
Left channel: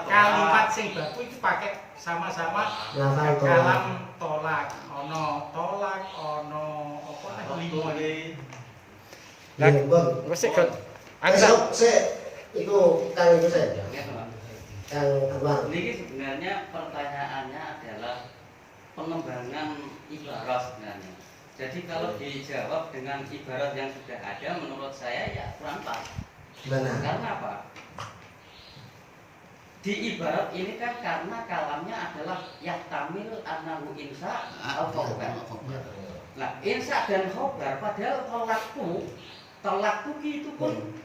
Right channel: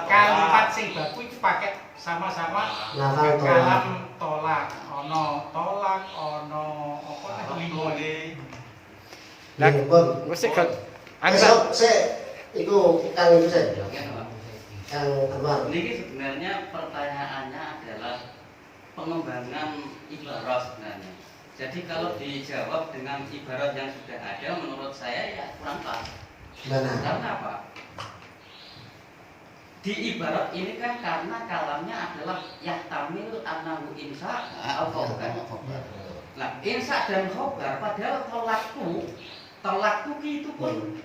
kalimat sing baku itu pakai sama-sama kalam tolak, ono apa nek limo iki. Lah, Pun. wis angsa Itu Kang itu saya. Kang Anwar. Ini sebenarnya pertanyaannya adalah pengembangan ibarat sebenarnya. Jadi kalau dijawab dengan ibarat yang sudah ada, menurut saya ya kurang pas. Gimana? Karena apa? Di ibarat ini kan karena kalamnya adalah yahtamil annahu insa atau khobar. Nah, insa dan khobar padahal tolakku itu pun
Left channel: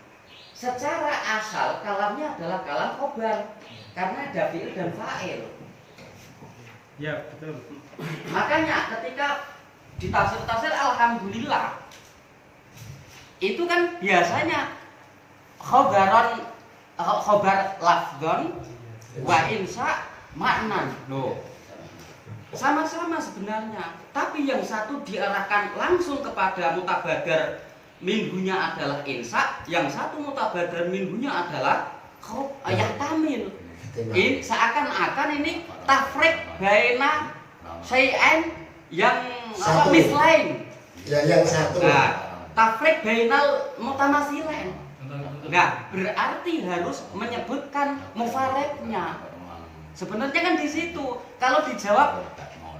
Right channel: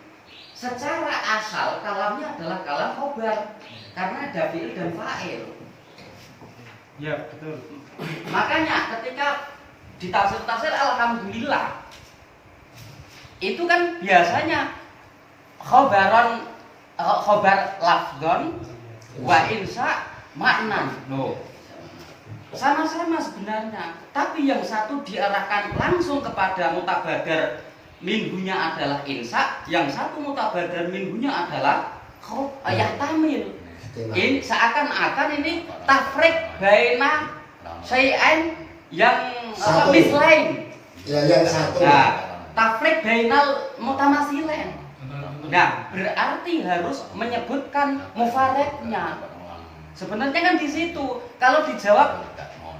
secara asal kalamnya adalah kalam khobar karena ada fi'il dan fa'il. Ya, betul. Makanya ketika di tafsir alhamdulillah itu kan biasanya khobar lafgon wa insa maknan. Loh. Sama-sama sebenarnya, tapi yang satu diarahkan langsung kepada mutabadar minhunya adalah insa, yang satu mutabadar minhunya adalah yahtamil. Ini seakan-akan ini tafrik baina syai'ain yang mislain. Ya, yang satu. Nah, tafrik bainal mutamasilain. Nah, berarti harus menyebutkan mufareknya. Sebenarnya kan di situ. Kalau dijawab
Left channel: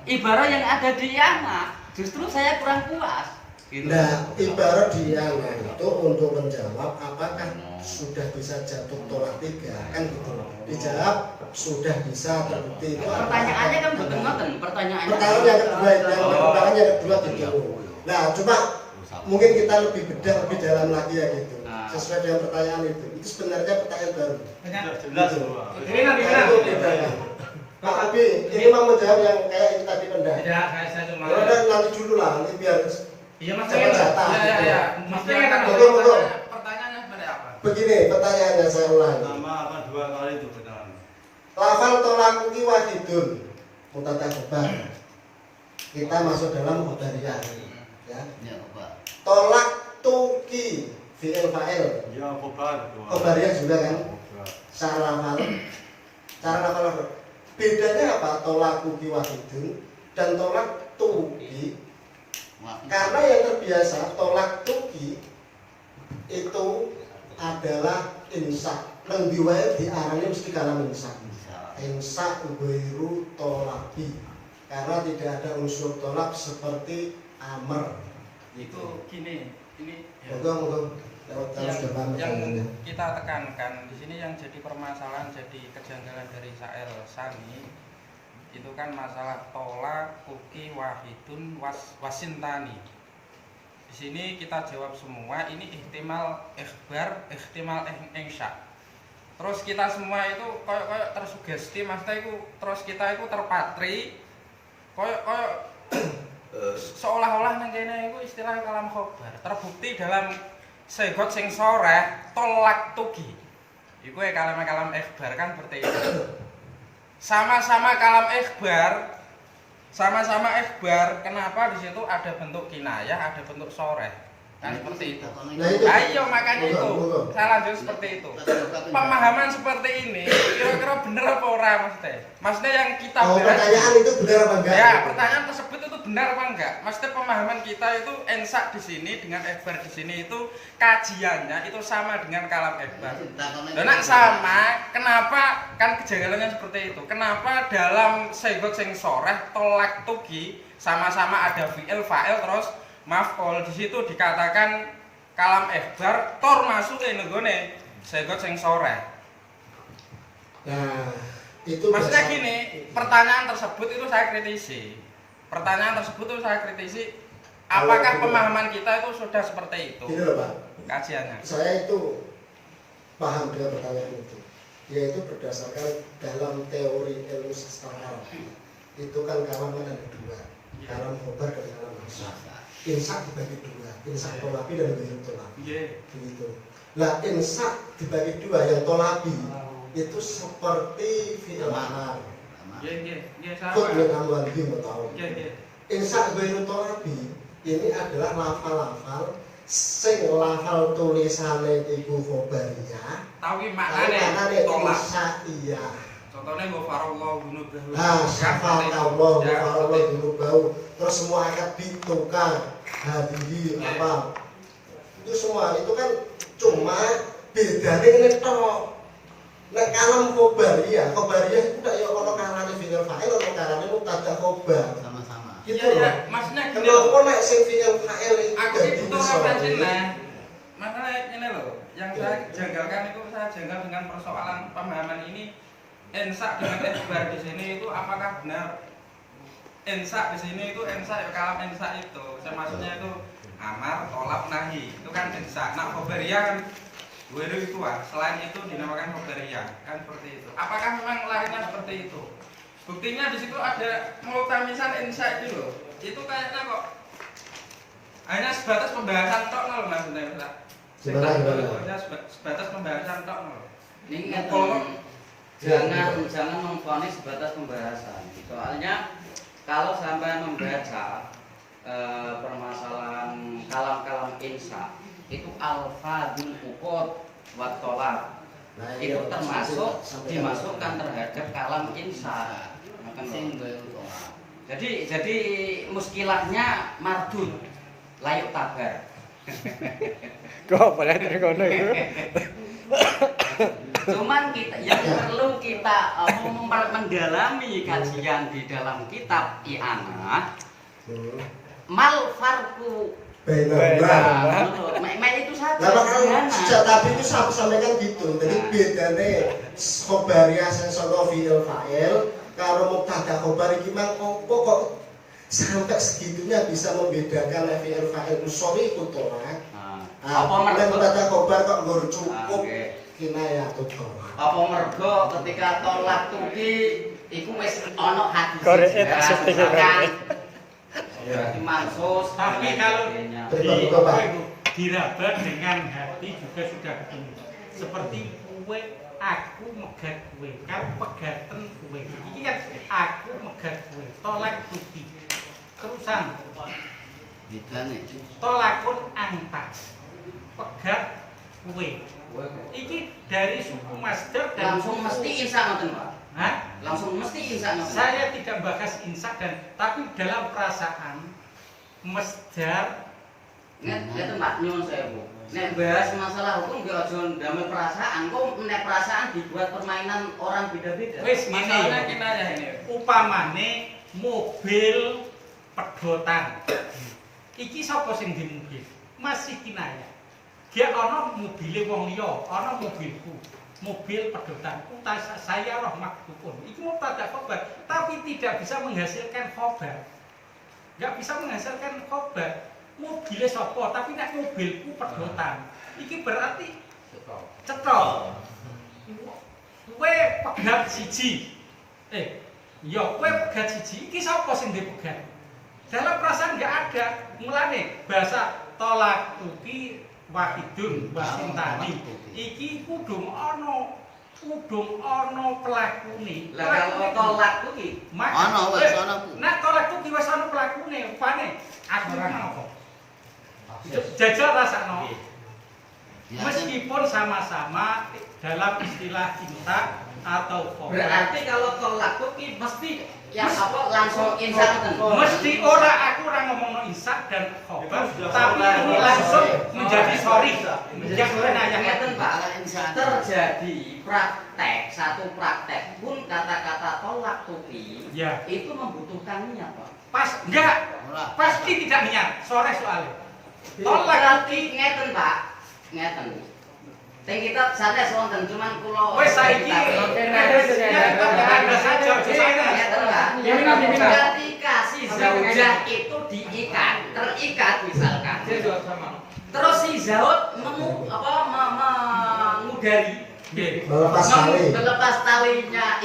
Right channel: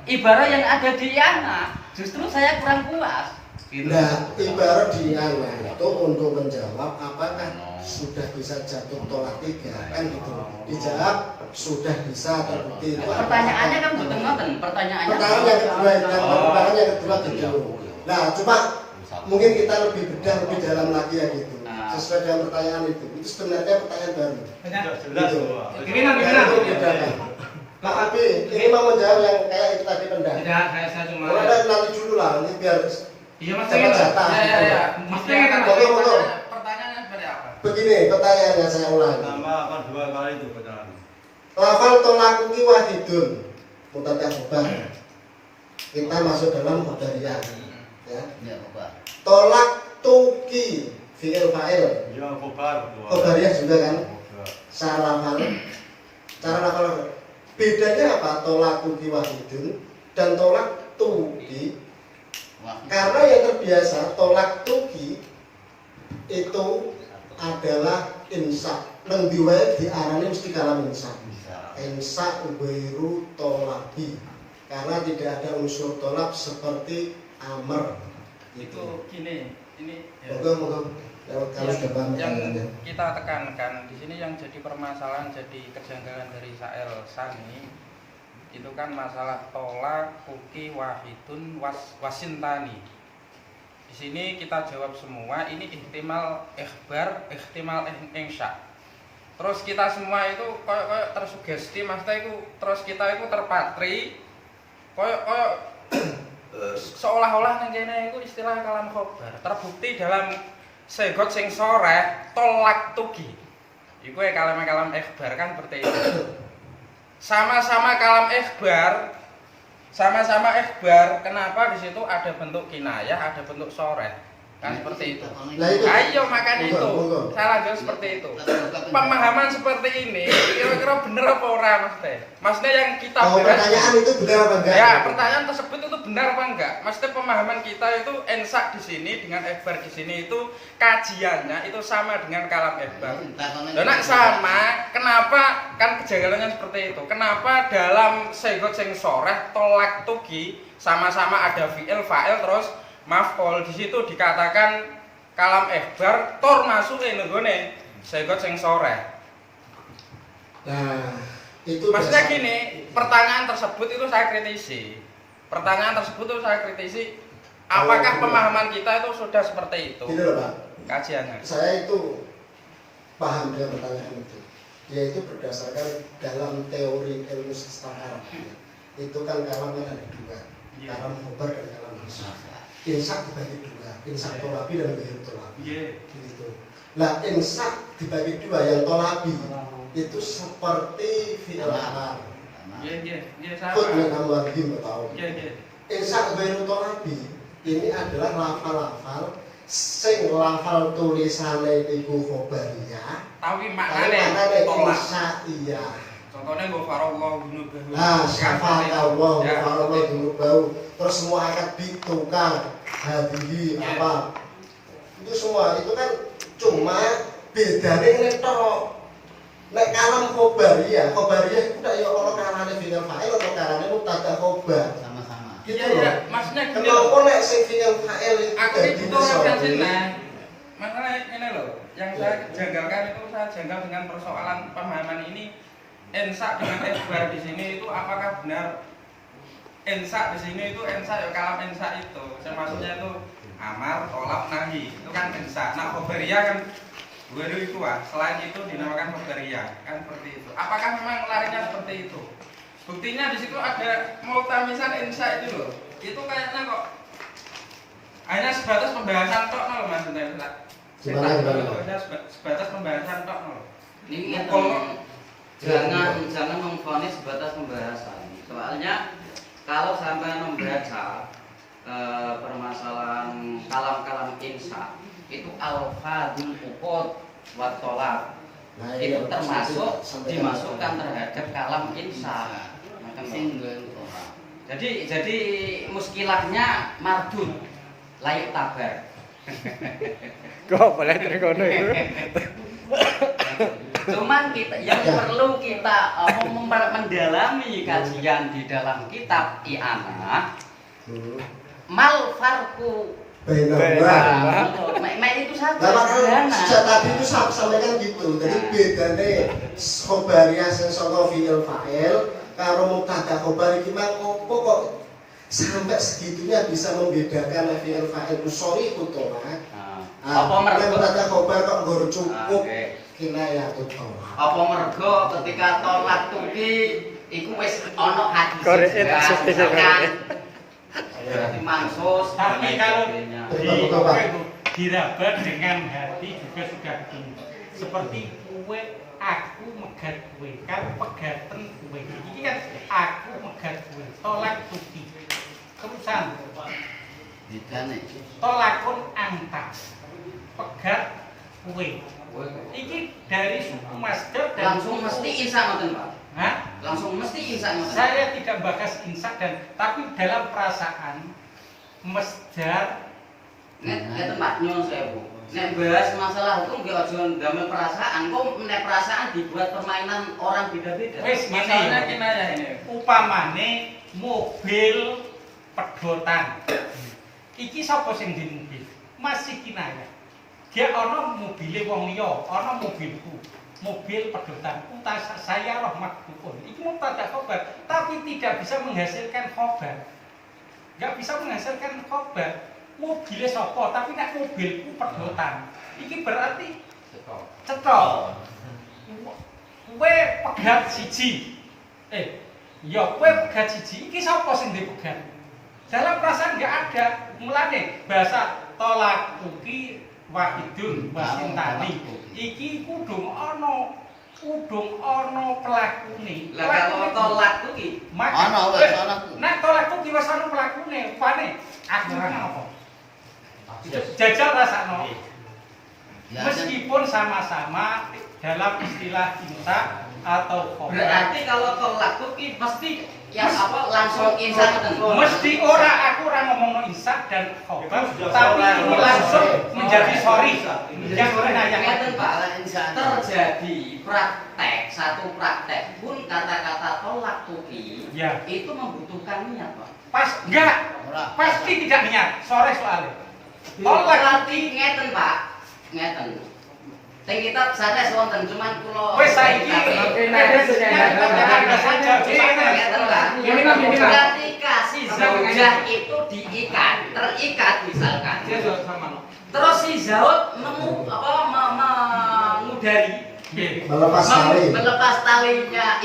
ibarat yang ada di yana, justru saya kurang puas. Nah, ibarat di yana itu untuk menjawab apakah sudah bisa jatuh tolak 3 kan gitu. Dijawab sudah bisa terbukti. Pertanyaannya kan betul-betul. Pertanyaannya yang kedua gitu. Nah, cuma mungkin kita lebih bedah lebih dalam lagi ya gitu. Sesuai dengan pertanyaan itu sebenarnya pertanyaan baru. Jelas Gitu. semua. Itu bedanya. Tapi ini mau menjawab yang kayak itu tadi pendah. Tidak, saya cuma. Nanti dulu lah, nanti biar Iya, Mas. dapat jatah. Ya. Maksudnya kan Betul. pertanyaannya seperti apa? Begini, pertanyaannya saya ulang. Nama apa 2 kali itu pertanyaan. Lafal tolakuki wahidun mutadah khobar. Kita masuk dalam khobariyah. Ya. Ya, khobar. Tolak tuki fi'il fa'il. Ya, khobar. Khobariyah juga kan. Cara lafal. Bedanya apa? Tolakuki wahidun dan tolak tuki. Karena yang terbiasa tolak tuki itu adalah insa. Nang diwae diarani mesti kalam insa. Insa ubairu tolabi. Karena tidak ada unsur tolak seperti amr. Itu gini, ini Moga kalau sudah paham yang pertanyaannya. kita tekankan di sini yang jadi permasalahan, jadi kejanggalan dari Sa'el Sani itu kan masalah tolak kuki wahidun wasintani. Di sini kita jawab semua ini ihtimal ikhbar, ihtimal insya. Terus kita semua itu koyok tersugesti, maksudnya itu terus kita itu terpatri koyok seolah-olah nang kene iku istilah kalam khobar. Terbukti dalam segot sing soreh tolak tugi. Iku kalam ikhbar kan seperti itu. Sama-sama kalam ikhbar, kenapa di situ ada bentuk kinayah, ada bentuk soreh? Kan seperti itu. Ayo makanya itu. Salah jauh seperti itu. Pemahaman seperti ini kira-kira bener apa ora maksudnya? Maksudnya yang kita pertanyaan itu benar apa enggak? Ya, pertanyaan tersebut itu benar apa enggak? Maksudnya pemahaman kita itu ensak di sini dengan ikhbar di sini itu kajiannya itu sama dengan kalam ikhbar. Nah, sama, kenapa kan kejanggalannya seperti itu? Kenapa dalam segot sing soreh tolak tugi sama-sama ada fi'il fa'il terus maf'ul di situ dikatakan kalam ikhbar tor masuk nenggone segot sing soreh. Nah, itu maksudnya gini, pertanyaan tersebut itu saya kritisi. Apakah pemahaman kita itu sudah seperti itu? Ini loh Pak, Kajiannya. saya itu paham dengan pertanyaan itu. Yaitu berdasarkan dalam teori ilmu sastra itu kan kalam kan ada 2, kalam khobar dan kalam insa. Insa dibagi 2, insa tolabi dan ghairu tolabi. Begitu. Nah, insa dibagi 2, yang tolabi itu seperti fi'il amar. Kut min amwalihim tahu. Insa ghairu tolabi ini adalah lafal-lafal sing lafal tulisane iku khobariyah. Tapi maknane tolak. Iya. Contohnya mbok farallahu dunubahu. Nah, syafaat Allah, Allah dulu bau. Terus semua akad bitukar, hadiri apa? Itu semua itu kan cuma bedane ngene tok. Nek kalam khobariyah itu ndak yo ono karane fi'il fa'il ono karane mubtada khobar. Sama-sama. Gitu Iya, loh. iya. Maksudnya gini loh. Kenapa nek sing fi'il fa'il Aku ini butuh referensi nah. Makanya ini loh, yang saya janggalkan itu saya janggal dengan persoalan pemahaman ini. Ensa dengan ikhbar di sini itu apakah benar? Ensa di sini itu ensa ya kalam ensa itu. Saya maksudnya itu amar, tolak, nahi. Itu kan ensa. Nah, khobariyah kan Weru itu selain itu dinamakan khobariyah kan seperti itu. Apakah memang larinya seperti itu? Buktinya di situ ada multamisan ensa itu loh. Itu kayaknya kok hanya sebatas pembahasan tok loh maksudnya. Hanya sebatas pembahasan tok loh. Ini kan jangan memvonis sebatas pembahasan. Soalnya kalau sampai membaca permasalahan kalam-kalam insya itu alfadul uqud wa tolak itu termasuk dimasukkan terhadap kalam insya. Jadi muskilahnya mardud layak tabar. Kok boleh terkono itu? Cuman kita yang perlu kita mendalami kajian di dalam kitab I'anah mal farku benar. itu saja. Nah, sejak tadi itu sampaikan gitu. Jadi bedane khobariyah sing saka fi'il fa'il karo mubtada khobar iki mang opo kok sampai segitunya bisa membedakan fi'il fa'il usori utama. Apa mergo mubtada khobar kok nggur cukup kinayah tutur. Apa mergo ketika tolak tuki iku wis ana hadis berarti mansus. Tapi kalau diraba dengan hati juga sudah ketemu. Seperti kue aku megat kue, kamu pegatan kue. Ini kan aku megat kue, tolak tuki. Terusan. Tolakun anta, pegat kue. Iki dari suku masdar dan langsung mesti insa ngoten, Pak. Hah? Langsung mesti insa ngoten. Saya tidak bahas insa tapi dalam perasaan masdar ngeten Pak nyuwun sewu. Nek bahas masalah hukum nggih aja ndamel perasaan. Kok nek perasaan dibuat permainan orang beda-beda. Wis Masalahnya ngene. kinayah ini. Upamane mobil pedotan. Iki sapa sing di mobil? Masih kinayah. Dia ana mobile wong liya, ana mobilku. Mobil pedotan. Saya rahmat kupun. Iki mubtada khobar, tapi tidak bisa menghasilkan khobar. Enggak bisa menghasilkan khobar. Mobilnya sapa, tapi nek mobilku pedotan. Iki berarti cetha. Kowe pegat siji. Ya kowe pegat siji. Iki sapa sing dipegat? Dalam perasaan enggak ada. Mulane bahasa tolak tuki wahidun wasintani. Iki kudu ana pelakune. Lah kalau tolak tuki Ana wis ana. Nek tolak tuki wis ana pelakune. Upane aku apa? Jajal rasakno. Meskipun sama-sama dalam istilah cinta atau khobar. berarti kalau tolak tuki mesti yang apa langsung insa ngoten. Mesti aku ora ngomongno insak dan khobar, tapi ini langsung menjadi sorry. Yang kinayah Ngeten Pak, terjadi satu praktek pun kata-kata tolak tuki Ya. itu membutuhkan niat Pak. Enggak. Pasti tidak niat. Sore soalnya. Tolak Berarti ngeten Pak, ngeten. Teng kitab sanes wonten cuman kula wis saiki ketika si zaujah itu terikat misalkan. Terus si Zaud mengudari melepas talinya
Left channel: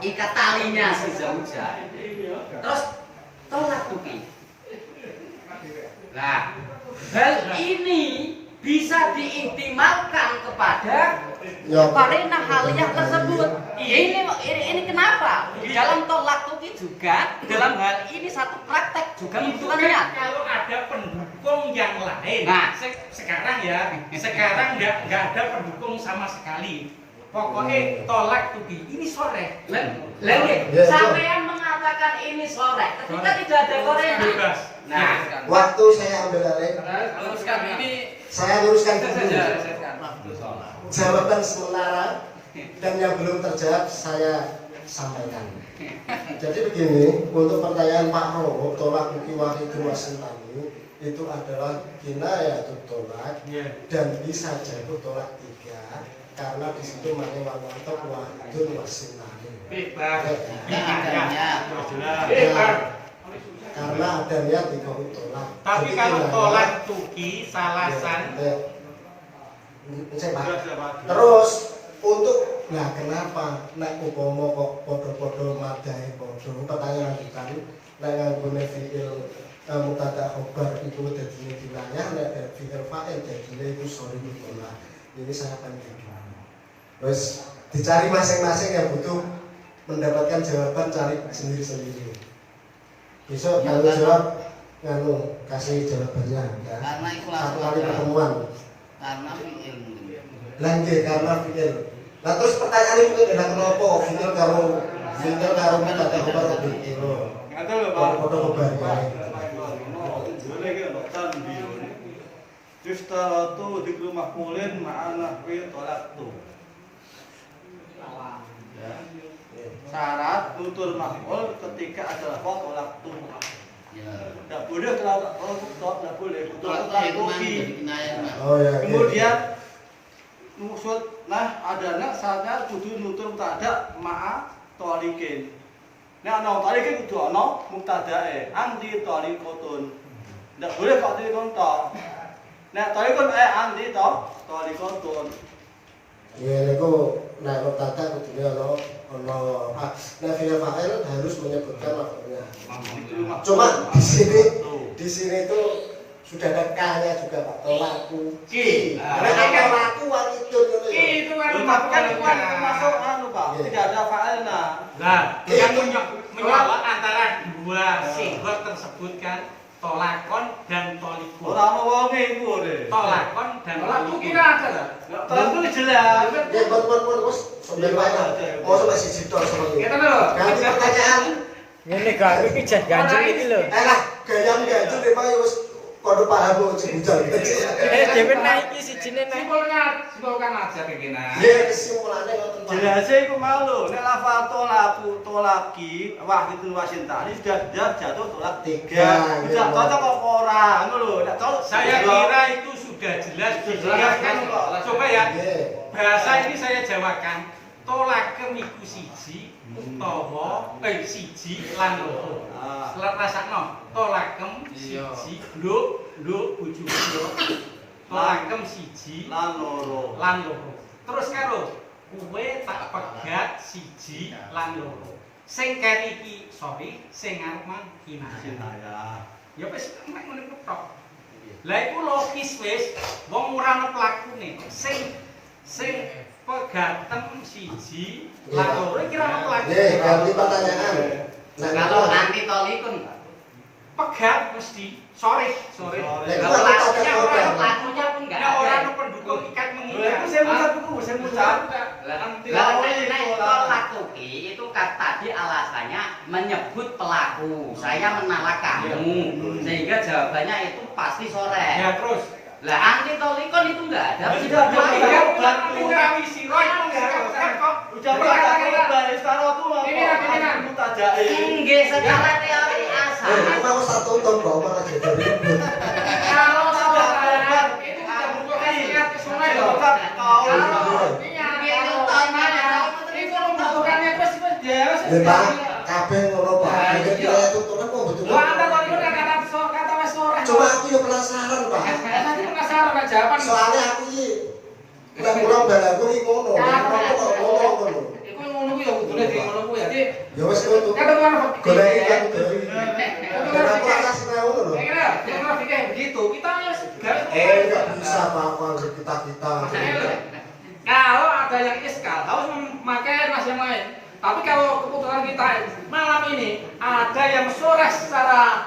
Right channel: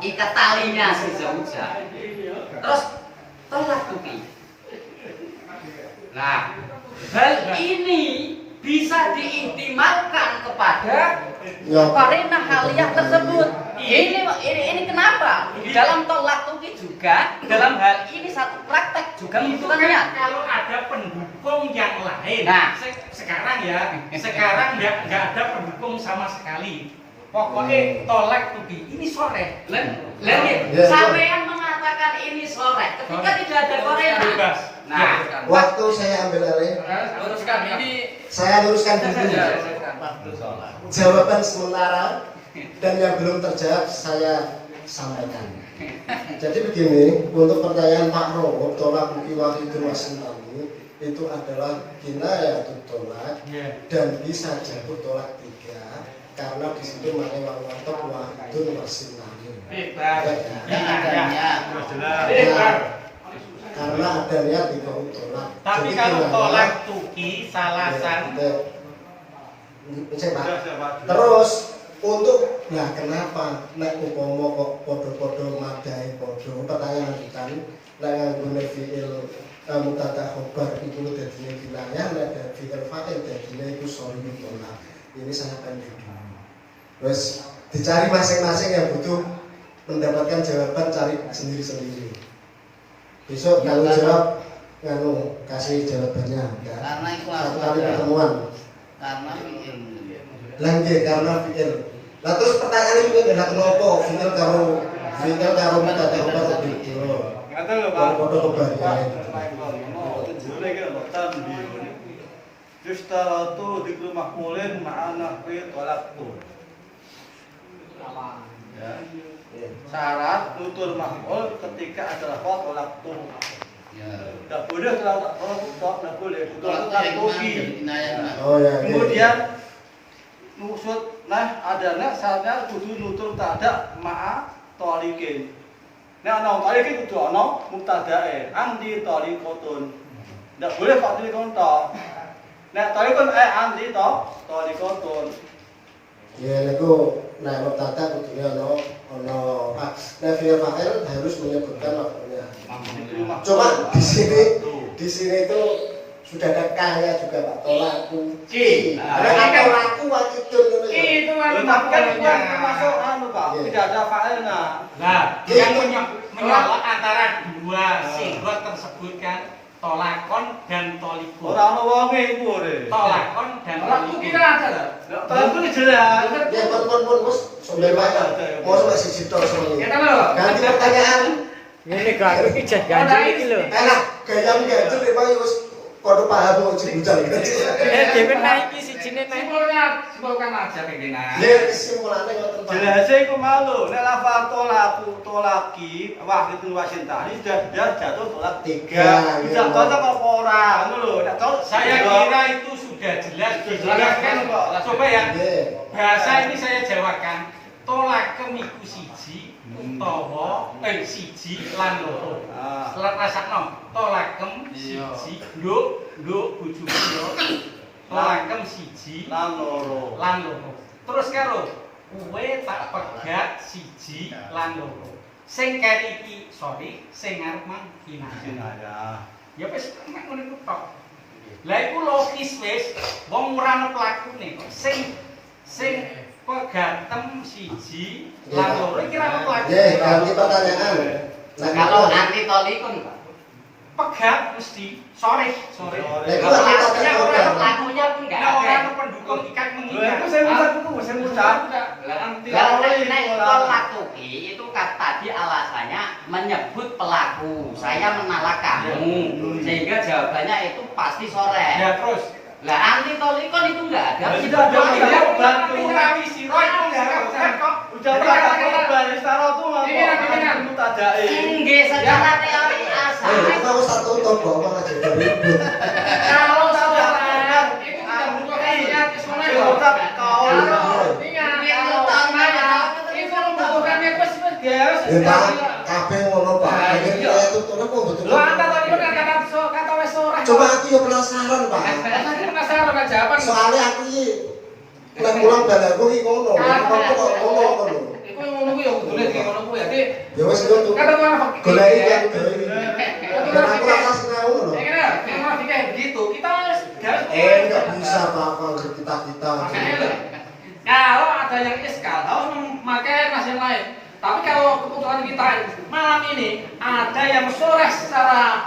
ikat talinya si zaujah. Terus tolak tuki. Nah, hal ini bisa diihtimalkan kepada karena haliyah tersebut. Ini kenapa? Di dalam tolak tuki juga dalam hal ini satu praktek juga membutuhkan niat. Kalau ada pendukung yang lain. Nah, sekarang enggak ada pendukung sama sekali. Pokoknya tolak tuki. Ini sore. Sampean mengatakan ini sore ketika tidak ada korena. Bebas. Nah, Waktu saya ambil alih, Luruskan ini. saya luruskan dulu. Waktu sholat. Jawaban sementara dan yang belum terjawab saya sampaikan. Jadi begini, untuk pertanyaan Pak Rowo, tolak muki wahidun wasintani itu adalah kinayatut tolak dan bisa jatuh tolak 3 karena di situ maknanya wawantok wahidun wasintani. Bebas. Jelas. Karena adanya 3 tolak. Tapi Jadi kalau kinayah- tolak tuki salasan. Saya Pak. Terus untuk kenapa nek umpama kok podo-podo madai podo pertanyaan lanjutan nek nganggone fiil mubtada khobar iku dadine wilayah nek fiil fa'il dadine iku sori tolak. Ini saya pendek. Terus dicari masing-masing yang butuh mendapatkan jawaban cari sendiri-sendiri. Besok kalau jawab kasih jawabannya ya. Karena itu Satu kali pertemuan. karena fi'il. Langge karena fi'il. Nah terus pertanyaan ini adalah kenapa fi'il karo mubtada khobar itu. Ngaten lho Pak. Podo khobar ya. Tujuane iki lho tambih. Istaratu dikru mahmulin ma'ana fi tolak tu. Ya. Syarat nutur mahmul ketika ada lafaz tolak tu. Ya. Tidak boleh tolak tidak boleh. Tolak tuki. Oh ya. Kemudian nusut adanya syaratnya kudu nutur mubtada ma'a tolikin. Nek ana tolikin kudu ana mubtadae anti tolikotun. Ndak boleh kok tolikon to. Nek tolikon anti to tolikotun. Ya niku nek mubtada kudune ana nek fi'il fa'il harus menyebutkan lafaznya. Cuma di sini itu sudah ada K-nya juga Pak, tolaku ki. Karena tolaku wakidun Itu Kan bukan termasuk Pak, tidak ada fa'ilnya. Nah, yang menyolok antara dua sigot tersebut kan tolakon dan tolikun. Ora ono wonge iku ore. Tolakon dan tolikun. ada. Tolakku jelas. Ya pun wis sambil wae. Mau sampai siji tok semuanya. Kita lho. Ganti pertanyaan. Ngene kok aku iki jas ganjel iki lho. Enak gayam ganjel memang wis padha paham kok jujal. Dhewe naik iki sijine naik. Simpulkan aja pimpinan. Ya kesimpulannya ngoten Pak. Jelasnya iku malu. Nek lafal tolaki wahidun wasintani sudah jatuh tolak 3. Bisa cocok apa ora ngono lho. Nek cocok Saya kira itu sudah jelas dijelaskan kok. Coba ya. Bahasa ini saya jawabkan. Tolakem iku siji utawa siji lan loro. Selat rasakno. Tolakem siji nduk bojomu yo. Tolakem siji lan loro. Terus karo kowe tak pegat siji lan loro. Sing keri iki sorry, sing ngarep mang kinayah. Ya wis mek ngono iku tok. Lah iku logis wis, wong ora ana pelakune. Sing pegatem siji lan loro iki ora ana pelakune. Nggih, ganti pertanyaan. Kalau anti tolikun, Pak. Pegat mesti sore. Pelakunya pun enggak Nah, ada. orang itu pendukung ikat Lha mengikat. iku saya ucap iku, saya ucap. Tolak tuki itu tadi alasannya menyebut pelaku. Saya menolak kamu, sehingga jawabannya itu pasti sore. Ya terus. Lah anti tolikon itu enggak ada. Tidak ada Bantu kami si Roy itu enggak kok. Ucap kata korban istaratu lan mutadae. Nggih, secara teori asal. Mau satu tahun kok malah jadi ribut. Kalau saudara Itu sudah membutuhkan niat kesemuanya Saya kok. ucap kau. Itu membutuhkan niat kesemuanya. Ya Pak, kabeh ngono Pak. Iki itu tuh kok betul. Lo anda tadi pun kata wes sore. Cuma aku yo penasaran Pak. Saya penasaran kan jawaban. Soalnya aku iki nek mulang balaku iki ngono. Kok ngono. Iku ngono ku ya kudune ki ngono ku ya. Ya wis ngono. Kata orang fakir. Golek iki aku aku rasa seneng ngono lho. Orang fakir begitu. Kita harus Enggak bisa Pak, kalau kita. Kalau ada yang iskal, harus memakai ras yang lain. Tapi kalau kebutuhan kita malam ini ada yang sore secara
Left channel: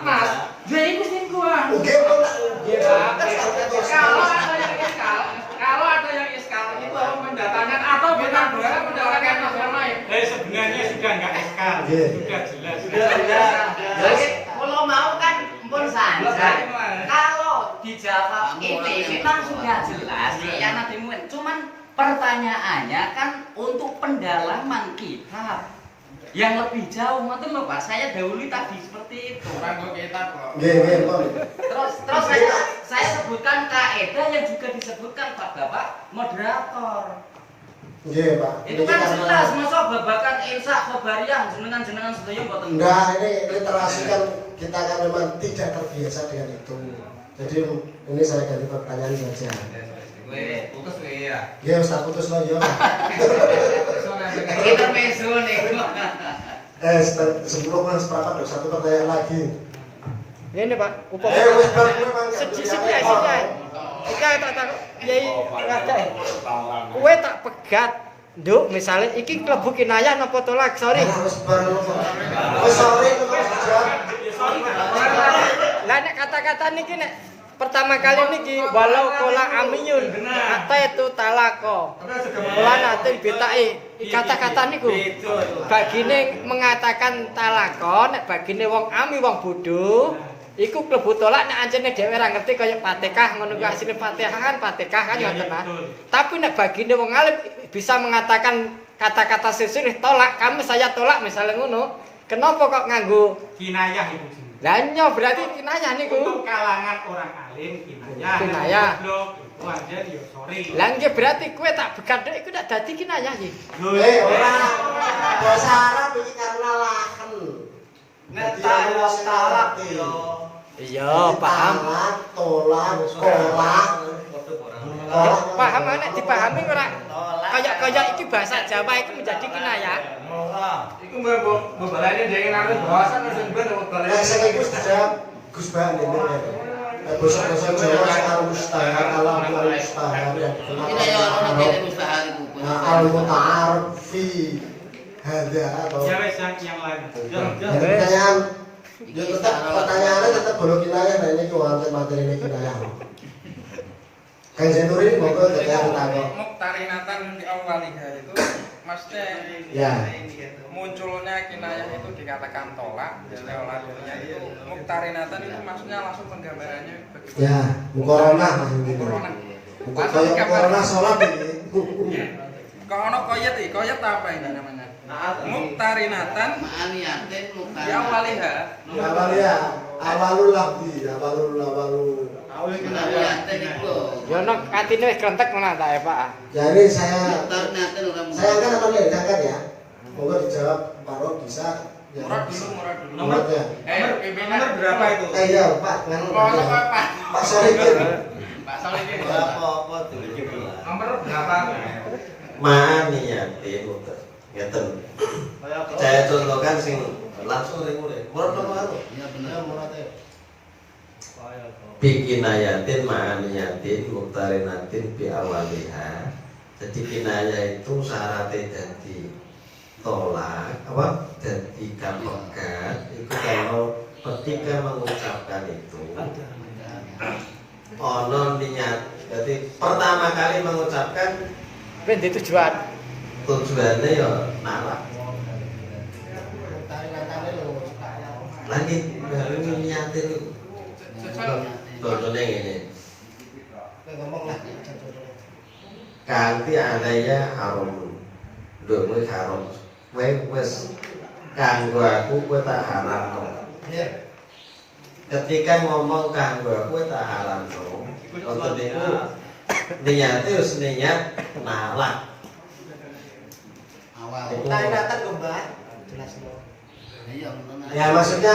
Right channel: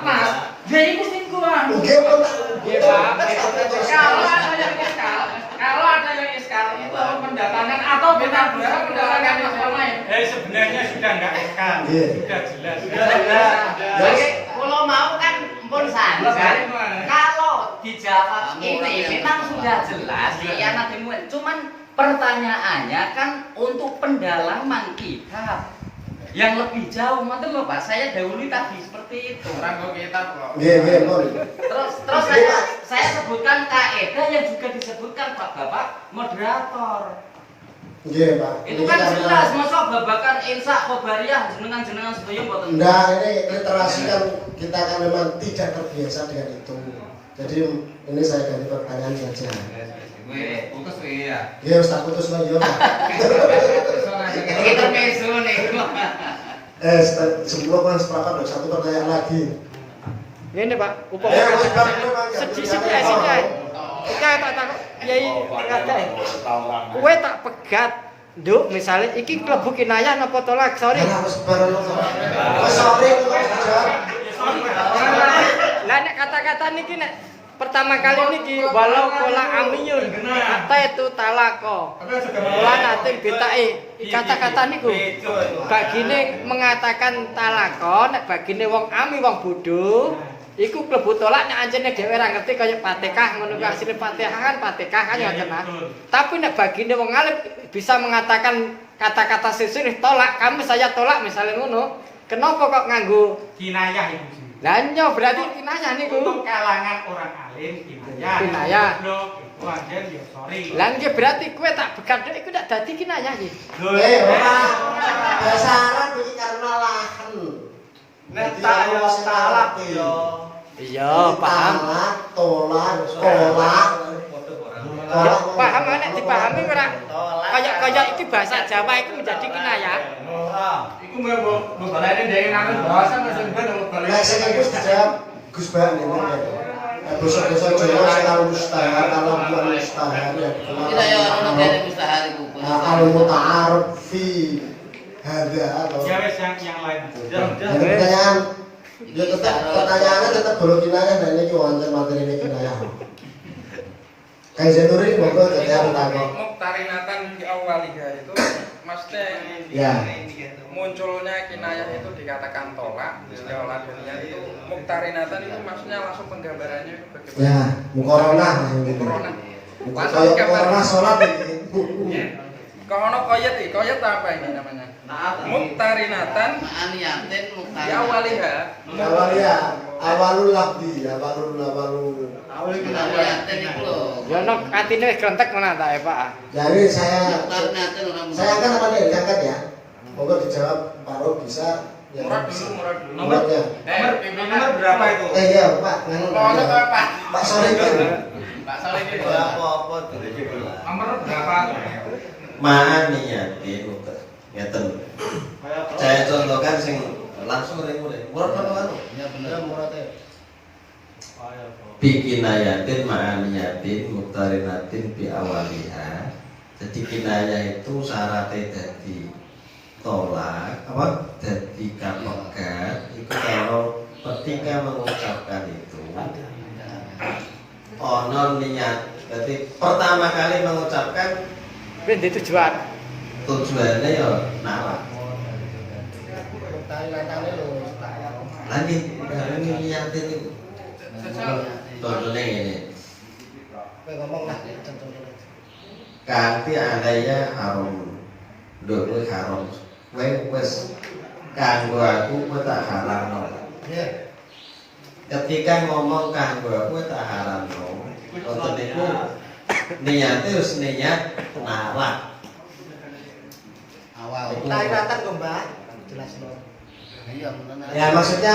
nas, jadi mesti gua. Oke, Pak. Kalau ada yang iskal itu mendatangkan benar mendoakan agama ya. Sebenarnya sudah enggak ekal, Iya. sudah jelas. Jadi kalau mau kan pun santai. Kalau dijawab ini memang sudah jelas khianatimu. Cuman pertanyaannya kan untuk pendalaman kitab yang lebih jauh, ngoten lho Pak. Saya dahului tadi seperti itu. Orang kok kitab kok. Nggih, Pak. Terus saya sebutkan kaidah yang juga disebutkan Bapak moderator. Nggih, Pak. Itu kan jelas, masa babakan insa khobariyah jenengan sedaya mboten. Enggak, ini literasi kan kita kan memang tidak terbiasa dengan itu. Jadi ini saya ganti pertanyaan saja. Weh, putus weh ya. Nggih, wis tak putus lho ya. Kita mesu nih. Sebelum Mas sepakat satu pertanyaan lagi. Ini Pak, upama sedikit ya sini ae. Iki tak takok Kyai ngadak. Kowe tak pegat, Nduk, misale iki klebu kinayah napa tolak? Sorry. Wis bareng. Wis sorry Lah nek kata-kata niki nek pertama kali niki walau kola amiyun kata itu talako. Kula nate bitake kata-kata niku. Bagine mengatakan talako nek bagine wong ami wong bodho iku klebu tolak nek anjene dhewe ora ngerti kaya Fatihah ngono kuwi asline Fatihah kan ya tenan. Tapi nek bagine wong alim bisa mengatakan kata-kata sesuai tolak, kamu saya tolak misalnya ngono. Kenapa kok nganggo Kinayah itu. lah nyo berarti kinayah niku. Untuk kalangan orang alim kinayah. Kinayah. Wajar ya sorry. Lah nggih berarti kowe tak begat iku ndak dadi kinayah iki. ora. Bahasa Arab iki karena lahan. Nek tak yo talak yo. Iya, paham. Tolak. Ya, paham nek dipahami ora kaya iki bahasa Jawa iku menjadi kinayah. Iku mbok balane dhek nganggo bahasa wis ben Nek sing iku dijawab Gus Bang ini. Basa-basa Jawa sekarang mustahil, alam mustahil ya. Kita ya orang negara mustahil itu. Al-muta'arif fi hadza atau Ya wes yang lain. pertanyaan ya tetap pertanyaannya tetap belum kinayah nah ini wonten materi ini kinayah. Kang Zainuri monggo yang tanya. Muktarinatan di awaliha itu maksudnya Ya. munculnya kinayah itu dikatakan tolak, istilah dunia itu muktarinatan itu maksudnya langsung penggambarannya itu bagaimana? Ya, mukorona. Corona. Mukorona sholat ini. Kalau ono koyet apa ini namanya? Muktarinatan Ma'aniyatin di awaliha. Awalul lafzi, awalul. Ma'aniyatin itu loh. Ya ono atine wis krentek ngono ta Pak. Jadi saya Muktarinyatin orang kan akan diangkat ya. Monggo dijawab Pak Ro bisa. Murad dulu. Nomornya. Nomor berapa itu? Iya, Pak. Kalau Pak. Pak Solikin. Pak Solikin. apa tuh? Nomor berapa? Ma'aniyatin ngeten. Saya contohkan sing langsung ring murid. Murad apa anu? Ya benar. Bikinayatin ma'aniyatin muktarinatin bi awaliha. Jadi kinayah itu syaratnya dadi tolak apa dadi kapegat itu kalau ketika mengucapkan itu ono niat. Jadi pertama kali mengucapkan Ben di tujuan. tujuannya ya nalak. Lagi baru niatin itu. Contohnya ini. Kanti alaya haram. Lho haram. Wes kanggo aku kowe tak haramno. Ketika ngomong kanggo aku tak haramno. Wonten niku niate wis niat nalak. Awal. Taatan kok, Mbak. Jelas loh. Iya benar. Ya maksudnya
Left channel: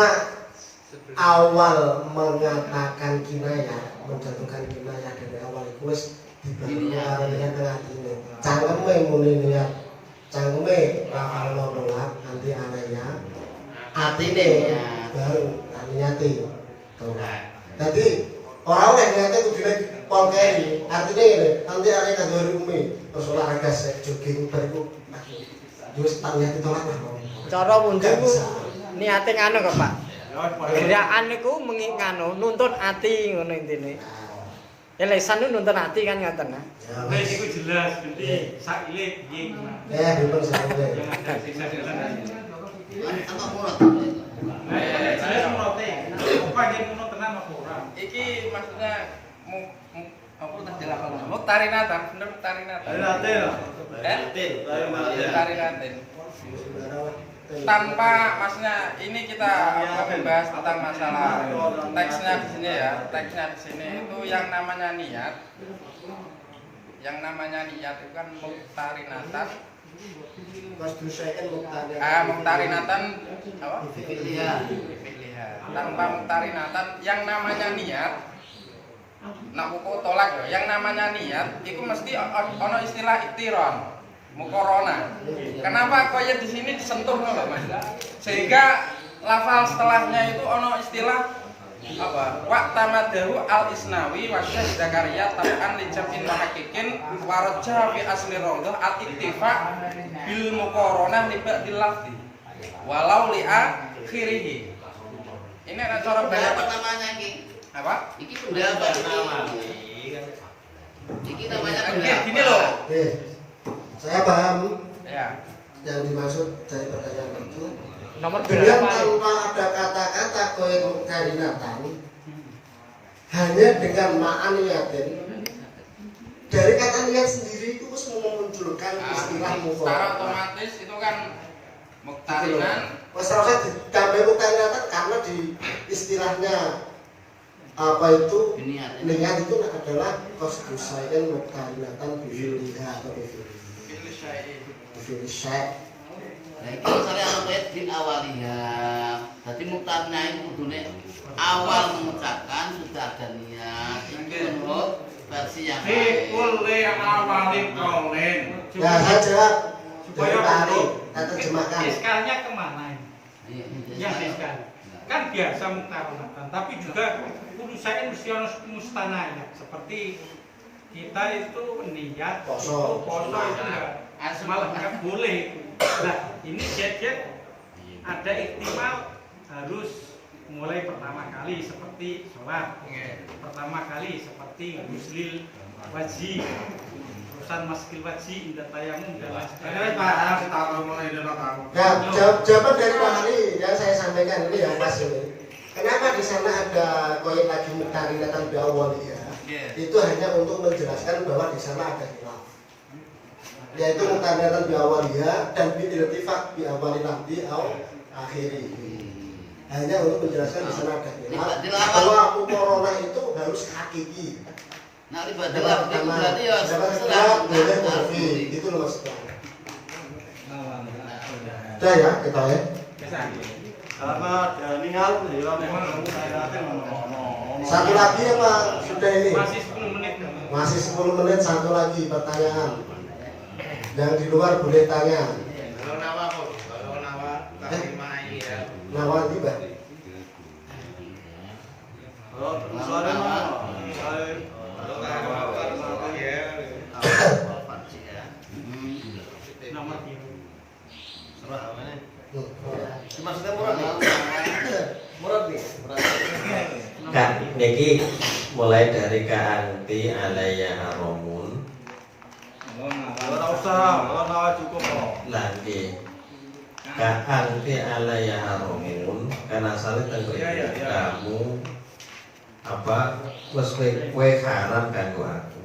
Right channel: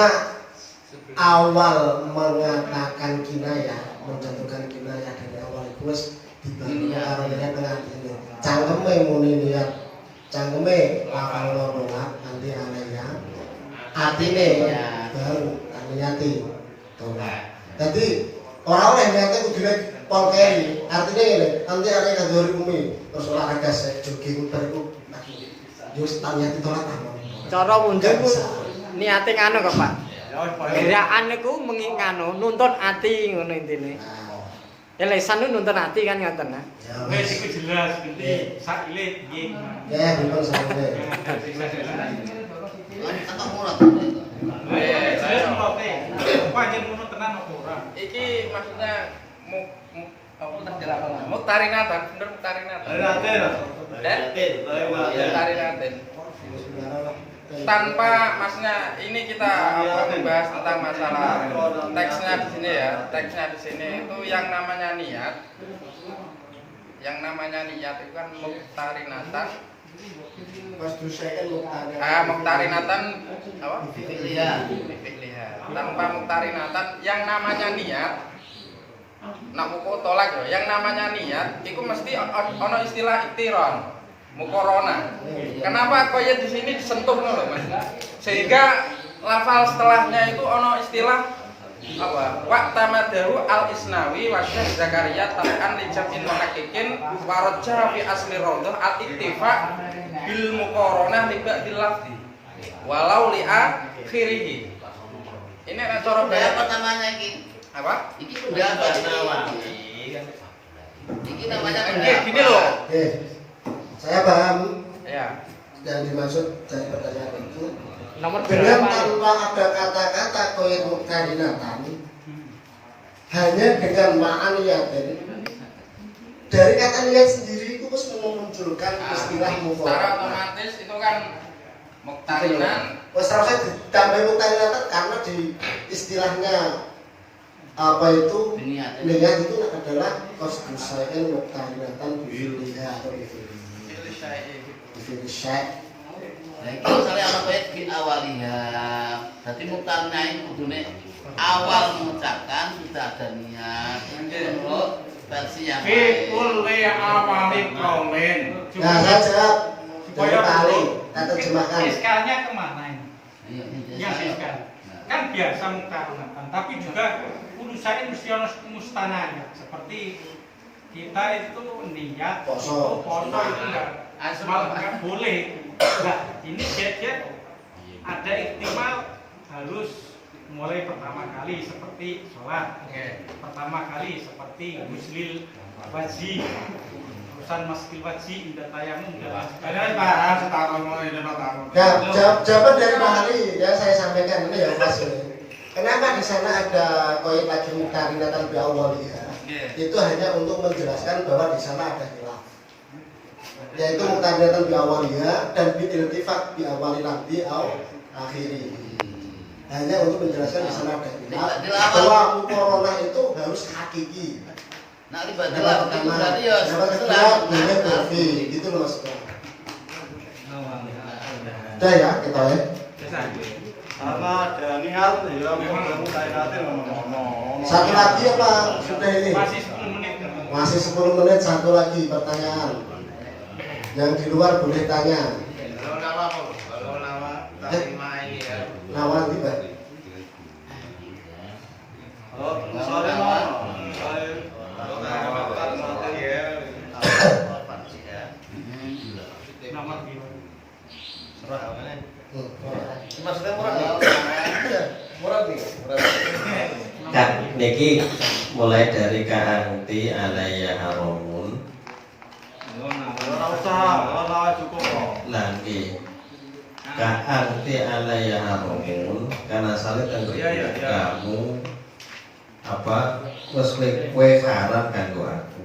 awal mengatakan kinayah, menjatuhkan kinayah dari awal itu wis dibangun karo niat ngene. Cangkeme muni niat. Cangkeme lafal nolak anti alaya. Atine baru niati. Tolak. Dadi ora oleh niate kudune pol keri. Artine ngene, anti alaya kanggo umi. Terus olahraga sek jogging bariku. Wis tak niati tolak lah. Cara wundu iku niate ngono kok, Pak. Gerakan niku nganu nuntun ati ngono intine. Lesan nu nuntun ati kan ngoten nah. Wis iku jelas ngerti sakile piye. Ya, dipun sampe. Apa murah? Jelas murote. Apa yen ngono tenan apa ora? Iki maksudnya apa tak jelaskan? Muktarinatan, bener muktarinatan. Muktarinatan. Tanpa maksudnya ini kita membahas tentang masalah teksnya di sini ya. Teksnya di sini itu yang namanya niat. Yang namanya niat itu kan muktarinatan. Mas dusaken Muktarinatan apa? Fi'liha. Tanpa muktarinatan yang namanya niat. Nak muko tolak ya. Yang namanya niat itu mesti ono istilah iktiron. Mukorona. Kenapa koyet di sini disentuh loh Mas? Sehingga lafal setelahnya itu ono istilah apa? Waqtamadahu al-Isnawi wa Syekh Zakaria tab'an li jam'in muhaqqiqin wa raja fi asli rawdah al-iktifa bil muqaranah li ba'dil lafzi walau li akhirih. Ini ada cara bayar Apa namanya iki? apa? Iki pendapat iki namanya pendapat. Gini loh. Saya paham Ya. yang dimaksud dari pertanyaan itu. Nomor Dengan berapa? tanpa ada kata-kata koyet muktarinatan, hanya dengan ma'aniyatin, dari kata niat sendiri itu harus memunculkan istilah Secara mukorona. otomatis itu kan muktarinan. Wes rasa ditambah muktarinatan karena di istilahnya apa itu niat itu adalah kosdusain muktarinatan bifiliha atau bifilisya. Nah, iki misalnya ana koyet fi awaliha. Berarti muktarina itu kudune awal mengucapkan sudah ada niat. Itu menurut versi yang lain. Kulli awali qaulin. Nah, saya jawab Supaya dari Pak Ali, dulu, kita terjemahkan. iskalnya kemana ini? Iya, Yang iskal. Kan biasa muktarinatan, tapi juga urusannya mesti harus mustanaya. Seperti kita itu niat Poso. itu enggak malah enggak boleh. Nah, ini jet ada ihtimal harus mulai pertama kali seperti sholat, pertama kali seperti guslil wajib, urusan maskil wajib, indah tayamum dan lain sebagainya. Nah, jawaban dari Pak Ali ya saya sampaikan ini yang pas ini. Kenapa di sana ada koyet lagi muktarinatan biawaliyah? Itu hanya untuk menjelaskan bahwa di sana ada khilaf. Yaitu muktarinatan biawaliyah dan biiltifaq biawali lafzi au akhiri. Hanya untuk menjelaskan di sana ada khilaf. Bahwa mukorona itu harus hakiki. Nah, ibadah lafzi itu berarti ya setelah itu loh maksudnya. Udah ya kita ya. Karena ada niat ya memang muktarinatan ngono. Satu lagi apa sudah ini? Masih 10 menit. Masih 10 menit, satu lagi pertanyaan. Yang di luar boleh tanya. Nama tiba. Sorry Mas. Nomor biru. Maksudnya murah nih. Kak, niki mulai dari ka'anti alaiya haromun. Ora usah, ora cukup kok. Nanti ka'anti alaiya haromun karena salit dan kamu apa wes kowe haram kanggo aku.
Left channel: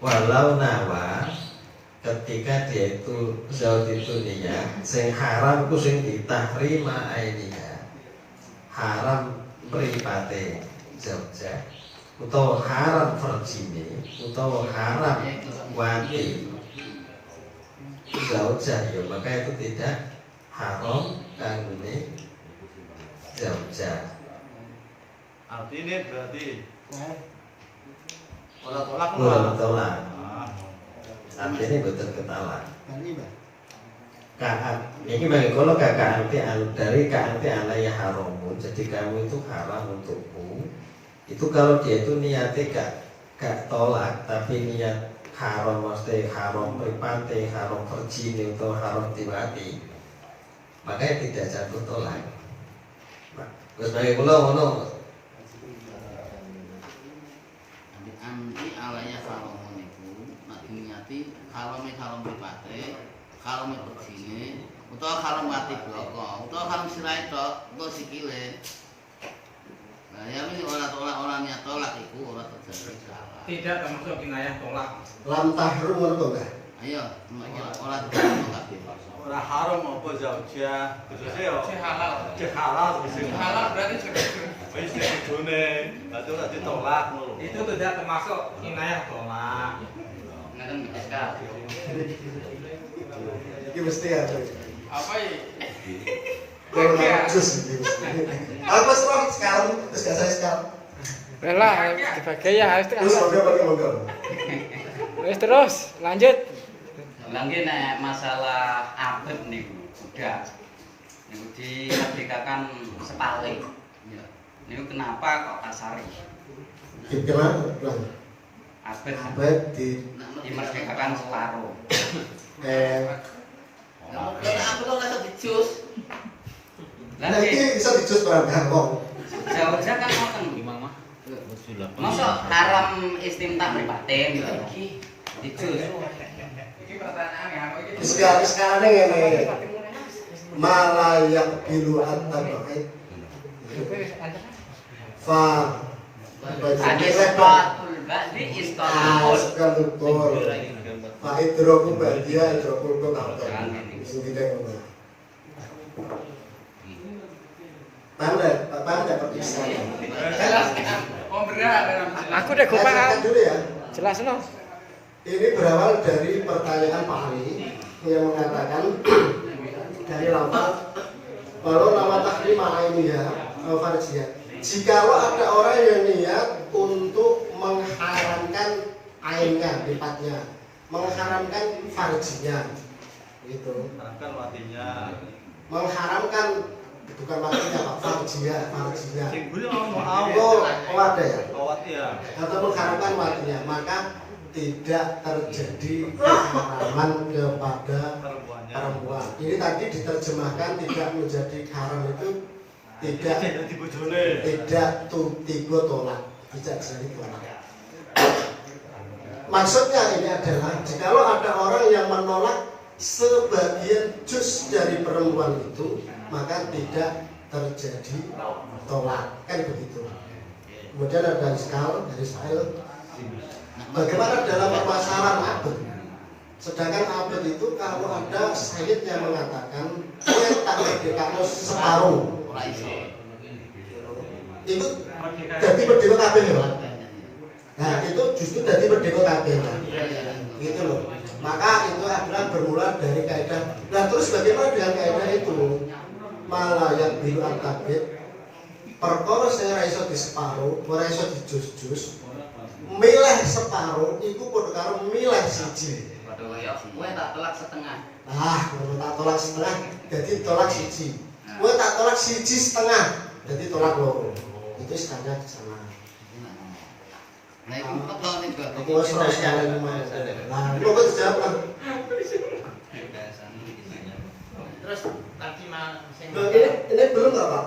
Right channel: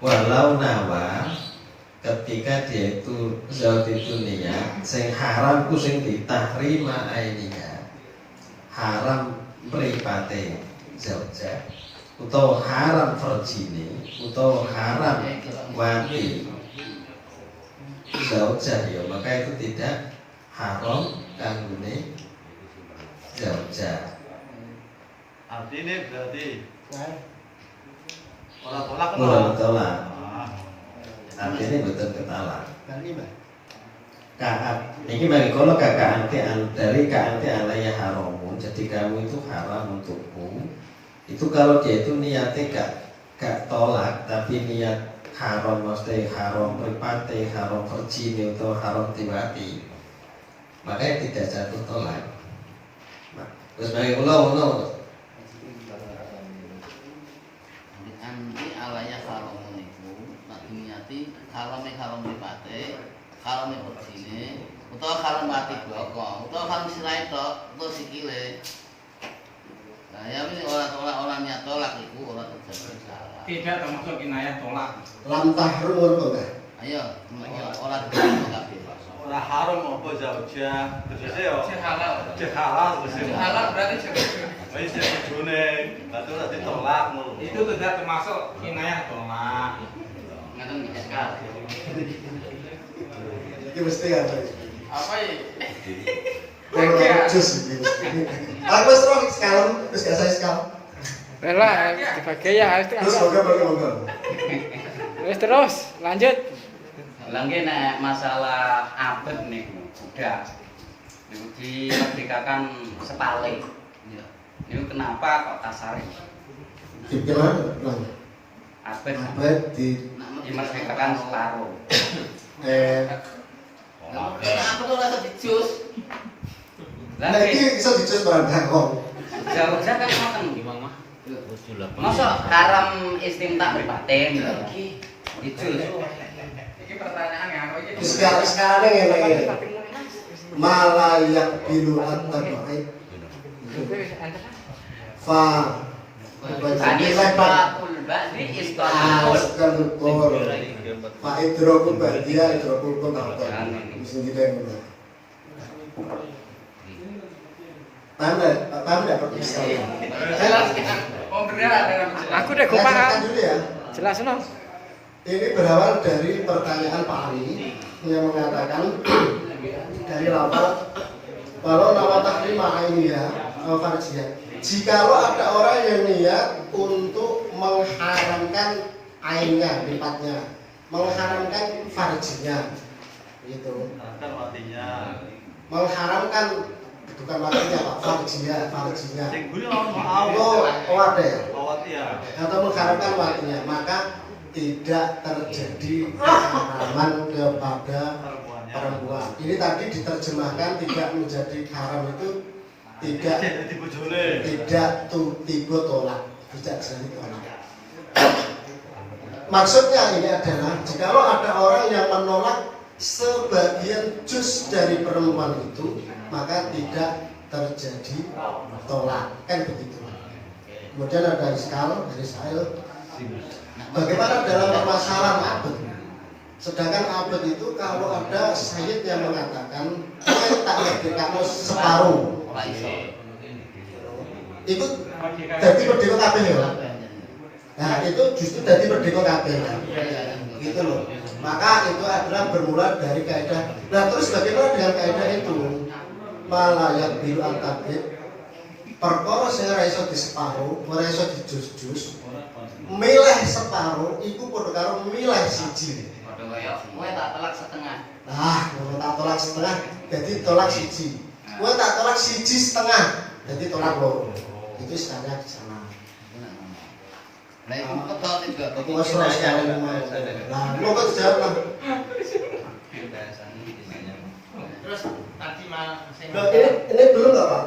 Walau nawa ketika dia itu zat itu niat sing haram ku sing ditahrima aininya haram mripate zauja utawa haram farjine utawa haram wati zauja ya maka itu tidak haram kanggone zauja. Artinya berarti ora tolak Ora tolak. Artinya betul ketala. Kaat, ini bagi kalau kakak anti dari anti alaya haramun, jadi kamu itu haram untukku. Itu kalau dia itu niatnya gak tolak, tapi niat haram maksudnya haram pripate, haram verjine atau haram tiwati, makanya tidak jatuh tolak. Terus bagi pulau kalau mripate, kalau mripatine, utawa kalau mati bloko, utawa kalau sirai tok, utawa sikile. Nah, ya wis orang nyatolak iku ora terjadi salah. Tidak termasuk kinayah tolak. Lam tahrum ngono kok enggak? Ayo, ora terjadi kabeh. Ora haram apa jauh-jauh. Terus yo. halal. Cek halal terus. Halal berarti jodoh. Wis bojone, atuh ora ditolak ngono. Itu tidak termasuk kinayah tolak. Ngaten iki sekal. Iki mesti kan. Apa ya? Kalau jus iki. Aku wis roh sekarang terus gak saya sekarang. Bela dibagi ya harus Terus monggo. Wis terus lanjut. Lagi nek masalah abet niku udah niku dimerdekakan sepale. Niku kenapa kok tasari? Gimana? Abet di dimerdekakan separuh. Aku tuh rasa dijus. Lah Nah, ini bisa dijus barang kok. jauh-jauh kan ngoten. Masa haram istimta mripatin dijus. Ini pertanyaan yang aku ini. Sekarang ini malah yang biluan tabakai. Fa Anifatul ba'di isqatul. Fa idroku badia idroku kota. Mesti tidak benar. Paham enggak Pak sekali? Jelaskan. Oh benar dalam Aku udah gue paham. Dulu ya. Jelas no. Ini berawal dari pertanyaan Pak Ali yang mengatakan dari lafaz kalau nama takdim ini ya farjiyah. Jikalau ada orang yang niat untuk mengharamkan ainnya, lifatnya, mengharamkan farjinya, gitu. Kan matinya. Mengharamkan bukan matinya Pak, farjinya. Sing kuwi mau Oh ada ya. awat ya. Atau mengharamkan matinya, maka tidak terjadi keharaman kepada perempuan. Ini tadi diterjemahkan tidak menjadi haram itu tidak tiba tolak, tidak jadi tolak. Maksudnya ini adalah jikalau ada orang yang menolak sebagian juz dari perempuan itu, maka tidak terjadi tolak, kan begitu. Kemudian ada iskal dari Sa'il. Bagaimana dalam permasalahan abad? Sedangkan abad itu kalau ada sayyid yang mengatakan dia tak merdekakan separuh, itu jadi merdeka kabeh ya. Nah itu justru jadi merdeka kabeh, gitu loh. Maka itu adalah bermula dari kaidah. Nah terus bagaimana dengan kaidah itu? Malayak bil al-tabid, perkara sing ora iso di separuh, ora iso di jus-jus. Milih separuh iku padha karo milih siji. Padha kaya kowe tak tolak setengah. Nah, kowe tak tolak setengah, jadi tolak siji. Kowe tak tolak siji setengah, jadi tolak loro. Itu istilahnya di sana. Nah, itu betul juga. Itu masalah sekali. Nah, lu kok jawab lah. Terus tadi mah sing Ini belum nggak Pak?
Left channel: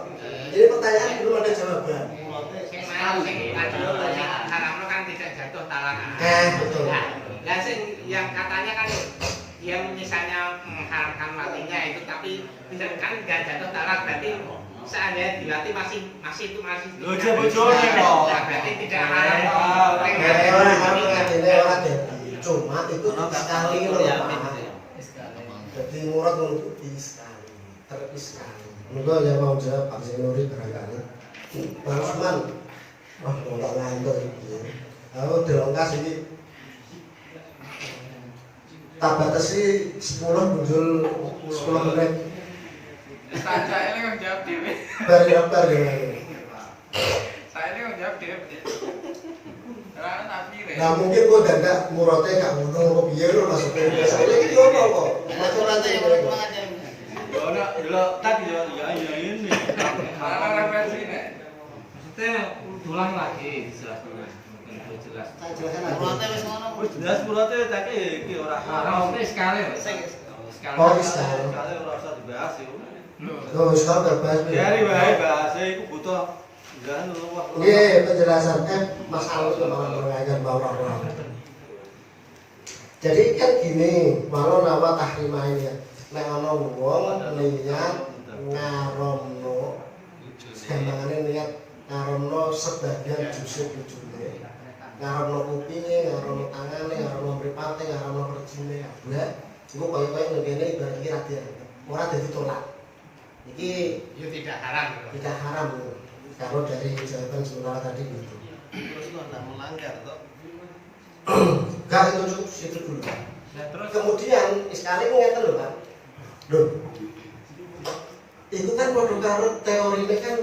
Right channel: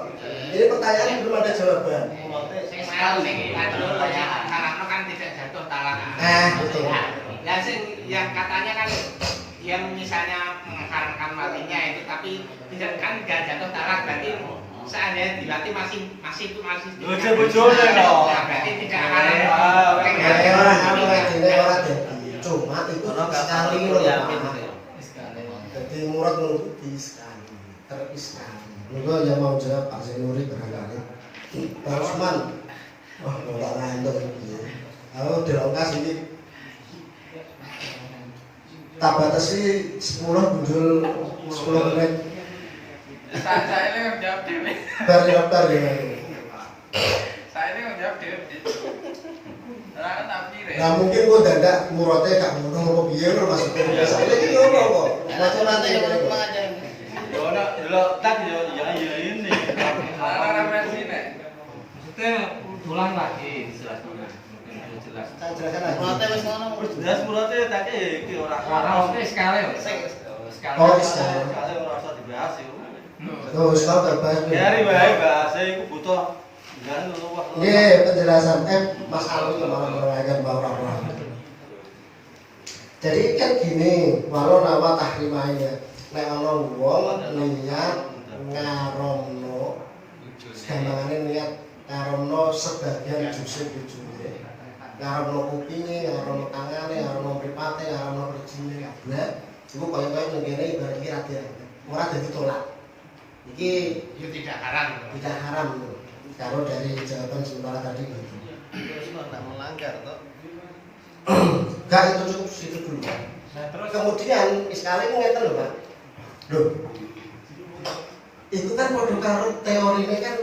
Ini pertanyaan belum ada jawaban. sing mau sing ada pertanyaan haramnya kan tidak jatuh talak. Betul. Nah, sing yang katanya kan yang misalnya mengharamkan matinya itu tapi tidak kan tidak jatuh talak berarti seandainya dilatih masih bojone kok. Berarti tidak haram. Orang cuma itu sekali loh ya. Jadi murad menutupi sekali, terpis sekali. Mungkin yang mau jawab Pak Zainuri barangkali. Pak Usman, wah mulai ngantuk ini. Aku dilongkas ini. Tak batasi 10 muncul 10 menit. Saya ini menjawab dewe. Bar ya. Saya ini menjawab dewe. Ora tak pire. Nah mungkin kok dadak murate gak ngono kok piye lho maksudnya. Saya iki ngono kok. Aturan aja orang kurang ajar. Yo ana delok tak yo ya ini. Ana referensi nek. Maksudnya ulang lagi dijelaskan. Jelas. Saya jelaskan lagi. Murate wis ngono. Wis jelas murate tak iki ora Karena sekali Sing Oh sekali. kali ora usah dibahas yo. Oh wis tak terbahas. Biari wae bahasa iku butuh enggak luwih. Nggih, penjelasan Mas Ali malah beragam bawa-bawa. Jadi kan gini, walau nawa tahrimahnya, nek ana wong niat ngaromno, gampangane niat ngaromno sebagian jusuk ujune, ngaromno kupinge, ngaromno tangane, ngaromno mripate, ngaromno rejine kabeh, iku kaya-kaya ning kene ibarat iki ora dadi tolak. Iki Itu tidak haram. tidak haram kalau dari jawaban sementara tadi gitu. Terus kok nggak melanggar toh? Enggak, itu cukup situ dulu. Nah, terus Kemudian sekali ngeten lho Pak. Loh. Itu kan padha karo teorine kan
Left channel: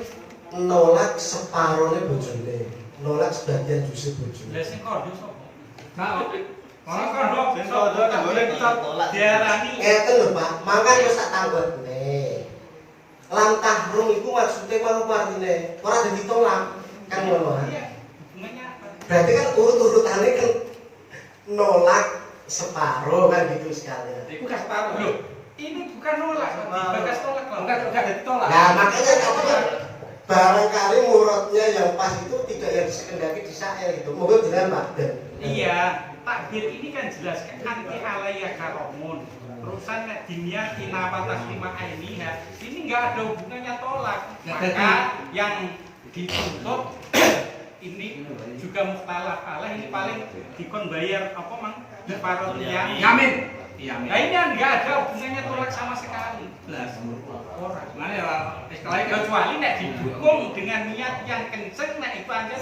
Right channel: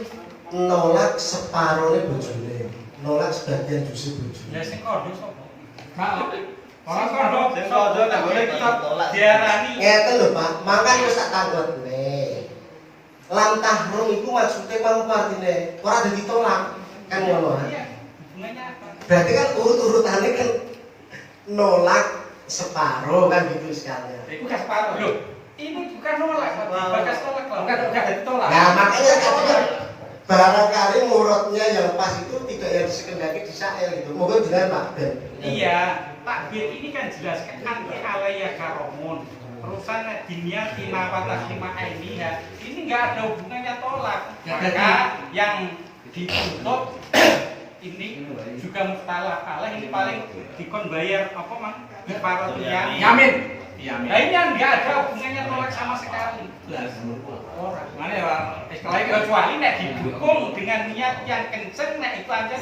nolak separone bojone, nolak sebagian juse bojone. ya sing kondo sapa? Orang kondo, Sing kondo nek boleh tetap diarani. Ngeten lho Pak, mangkan wis tak tanggotne. Lam tahrum iku maksude mangko artine ora dadi tolak. Kan ngono. Iya, hubungannya apa? Berarti kan urut-urutannya kan nolak separuh kan gitu sekalian. Itu gak separuh. Loh, ini bukan nolak, dibakas tolak lah. Bukan ditolak. Nah makanya tadi kan barangkali murotnya yang pas itu tidak yang sekendaki di saya gitu. Mungkin benar Pak Ben. Iya, Pak Bir ini kan jelas kan anti alaya karomun. Perusahaan diniati nafat lima ini ya, ini nggak ada hubungannya tolak. Maka yang ditutup ini juga mukhtalaf alah, ini paling dikon bayar apa mang kifaratnya yamin. Nah ini kan nggak ada hubungannya tolak sama sekali. Orang mana ya kecuali nek didukung dengan niat yang kenceng, nek itu aja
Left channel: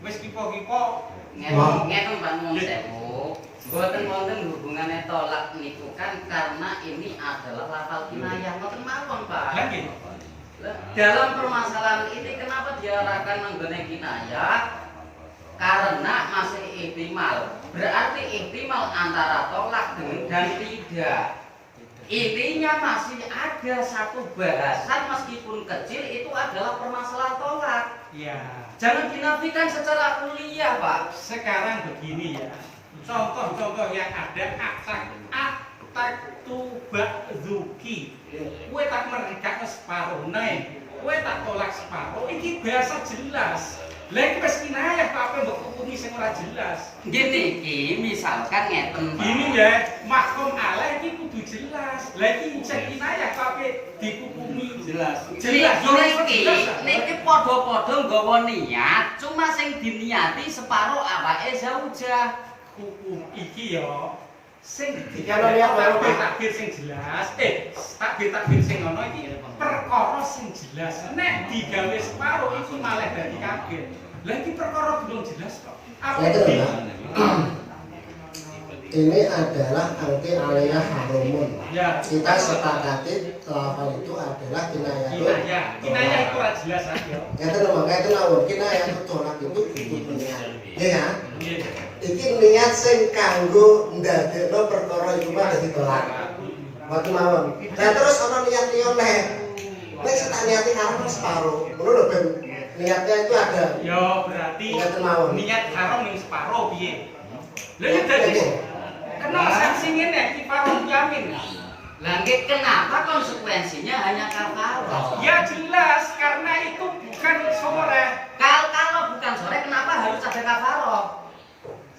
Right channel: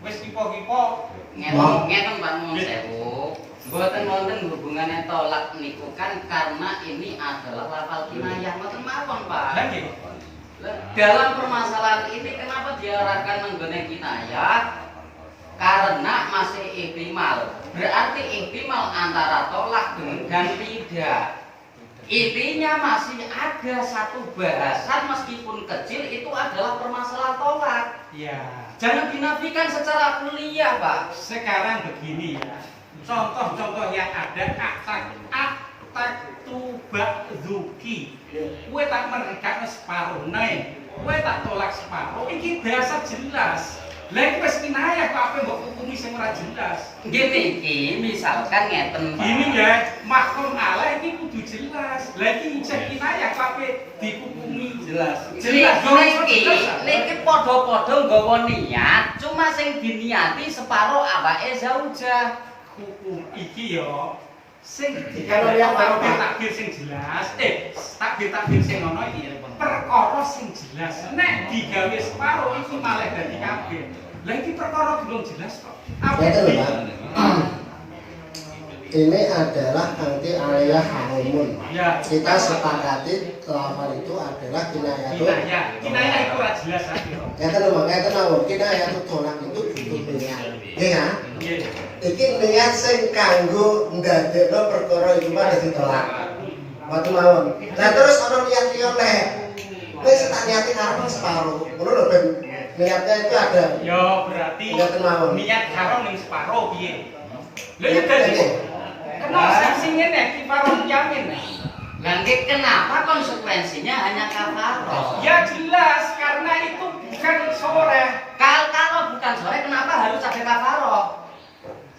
wis kipo-kipo Ngeten Pak Nuwun sewu. Mboten wonten hubungannya tolak niku kan karena ini adalah lafal kinayah mboten mawon Pak. Lah nggih. Dalam permasalahan ini kenapa diarahkan menggone kinayah? Karena masih ihtimal. Berarti ihtimal antara tolak dan tidak. Intinya masih ada satu bahasan meskipun kecil itu adalah permasalahan tolak. Ya, Jangan dinafikan secara kuliah, Pak. sekarang begini ya. Contoh-contoh yang ada aktak tubak zuki. Kue tak mereka separuh naik. Kue tak tolak separuh. Ini bahasa jelas. Lagi pas kinayah apa yang hukumi sing ora jelas. Gini, misalkan ngeten, Pak. Ini ya, mahkum Allah ini kudu jelas. Lagi cek kinayah apa dihukumi jelas. Jelas. Niki padha-padha nggawa niat, cuma sing diniati separo awake zaujah. Hukum iki yo sing Kalau lihat takbir sing jelas, takbir sing ngono iki perkara sing jelas. Nek digawe separo iki malah dadi kabeh. Lah iki perkara belum jelas kok. Apa Ya, ini adalah anti alaya harumun. Ya, Kita sepakati lafal itu adalah kinayah. kinayah itu ora jelas aja. Ngeten lho, ngeten mawon. Kinayah tolak itu butuh niat. Iya. Nggih. Iki niat sing kanggo ndadekno perkara iku mah dadi tolak. Waktu mawon. Lah terus ana niat liya neh. Wis tak niati arep separo. Ngono lho Ben. Niatnya itu ada. Yo berarti Ngeten mawon. niat haram ning separo piye? Lha ya dadi kenapa sanksi ngene kifarah yamin? Lah nggih kenapa konsekuensinya hanya kafarah? Ya jelas karena itu bukan sore. Kalau bukan sore kenapa harus ada kafarah?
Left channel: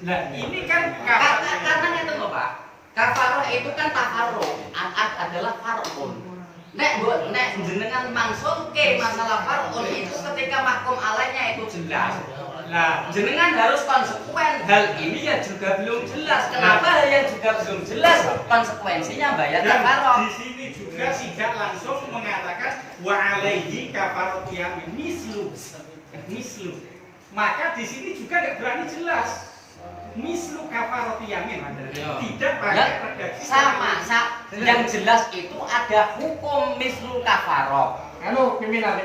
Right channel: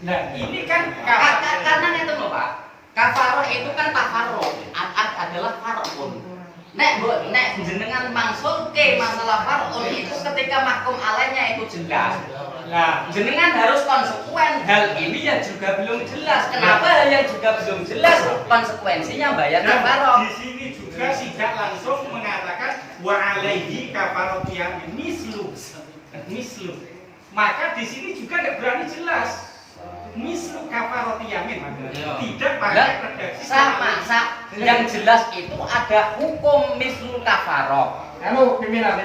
Nah, ini kan Karena ngeten lho, Pak. Kafarah itu kan tafarruh, adalah far'un. Nek jenengan mangsulke masalah far'un itu ketika mahkum alaihnya itu jelas. Nah, Jenengan harus konsekuen. Hal ini ya juga belum jelas. Kenapa hal yang juga belum jelas konsekuensinya bayar kafarah? di sini juga tidak langsung mengatakan wa alaihi kafaratu yamin mislu. Maka di sini juga nggak berani jelas. Mislu kafaratu yamin. Tidak pakai redaksi Sama, yang jelas itu ada hukum mislu kafarah. Halo, pimpinan.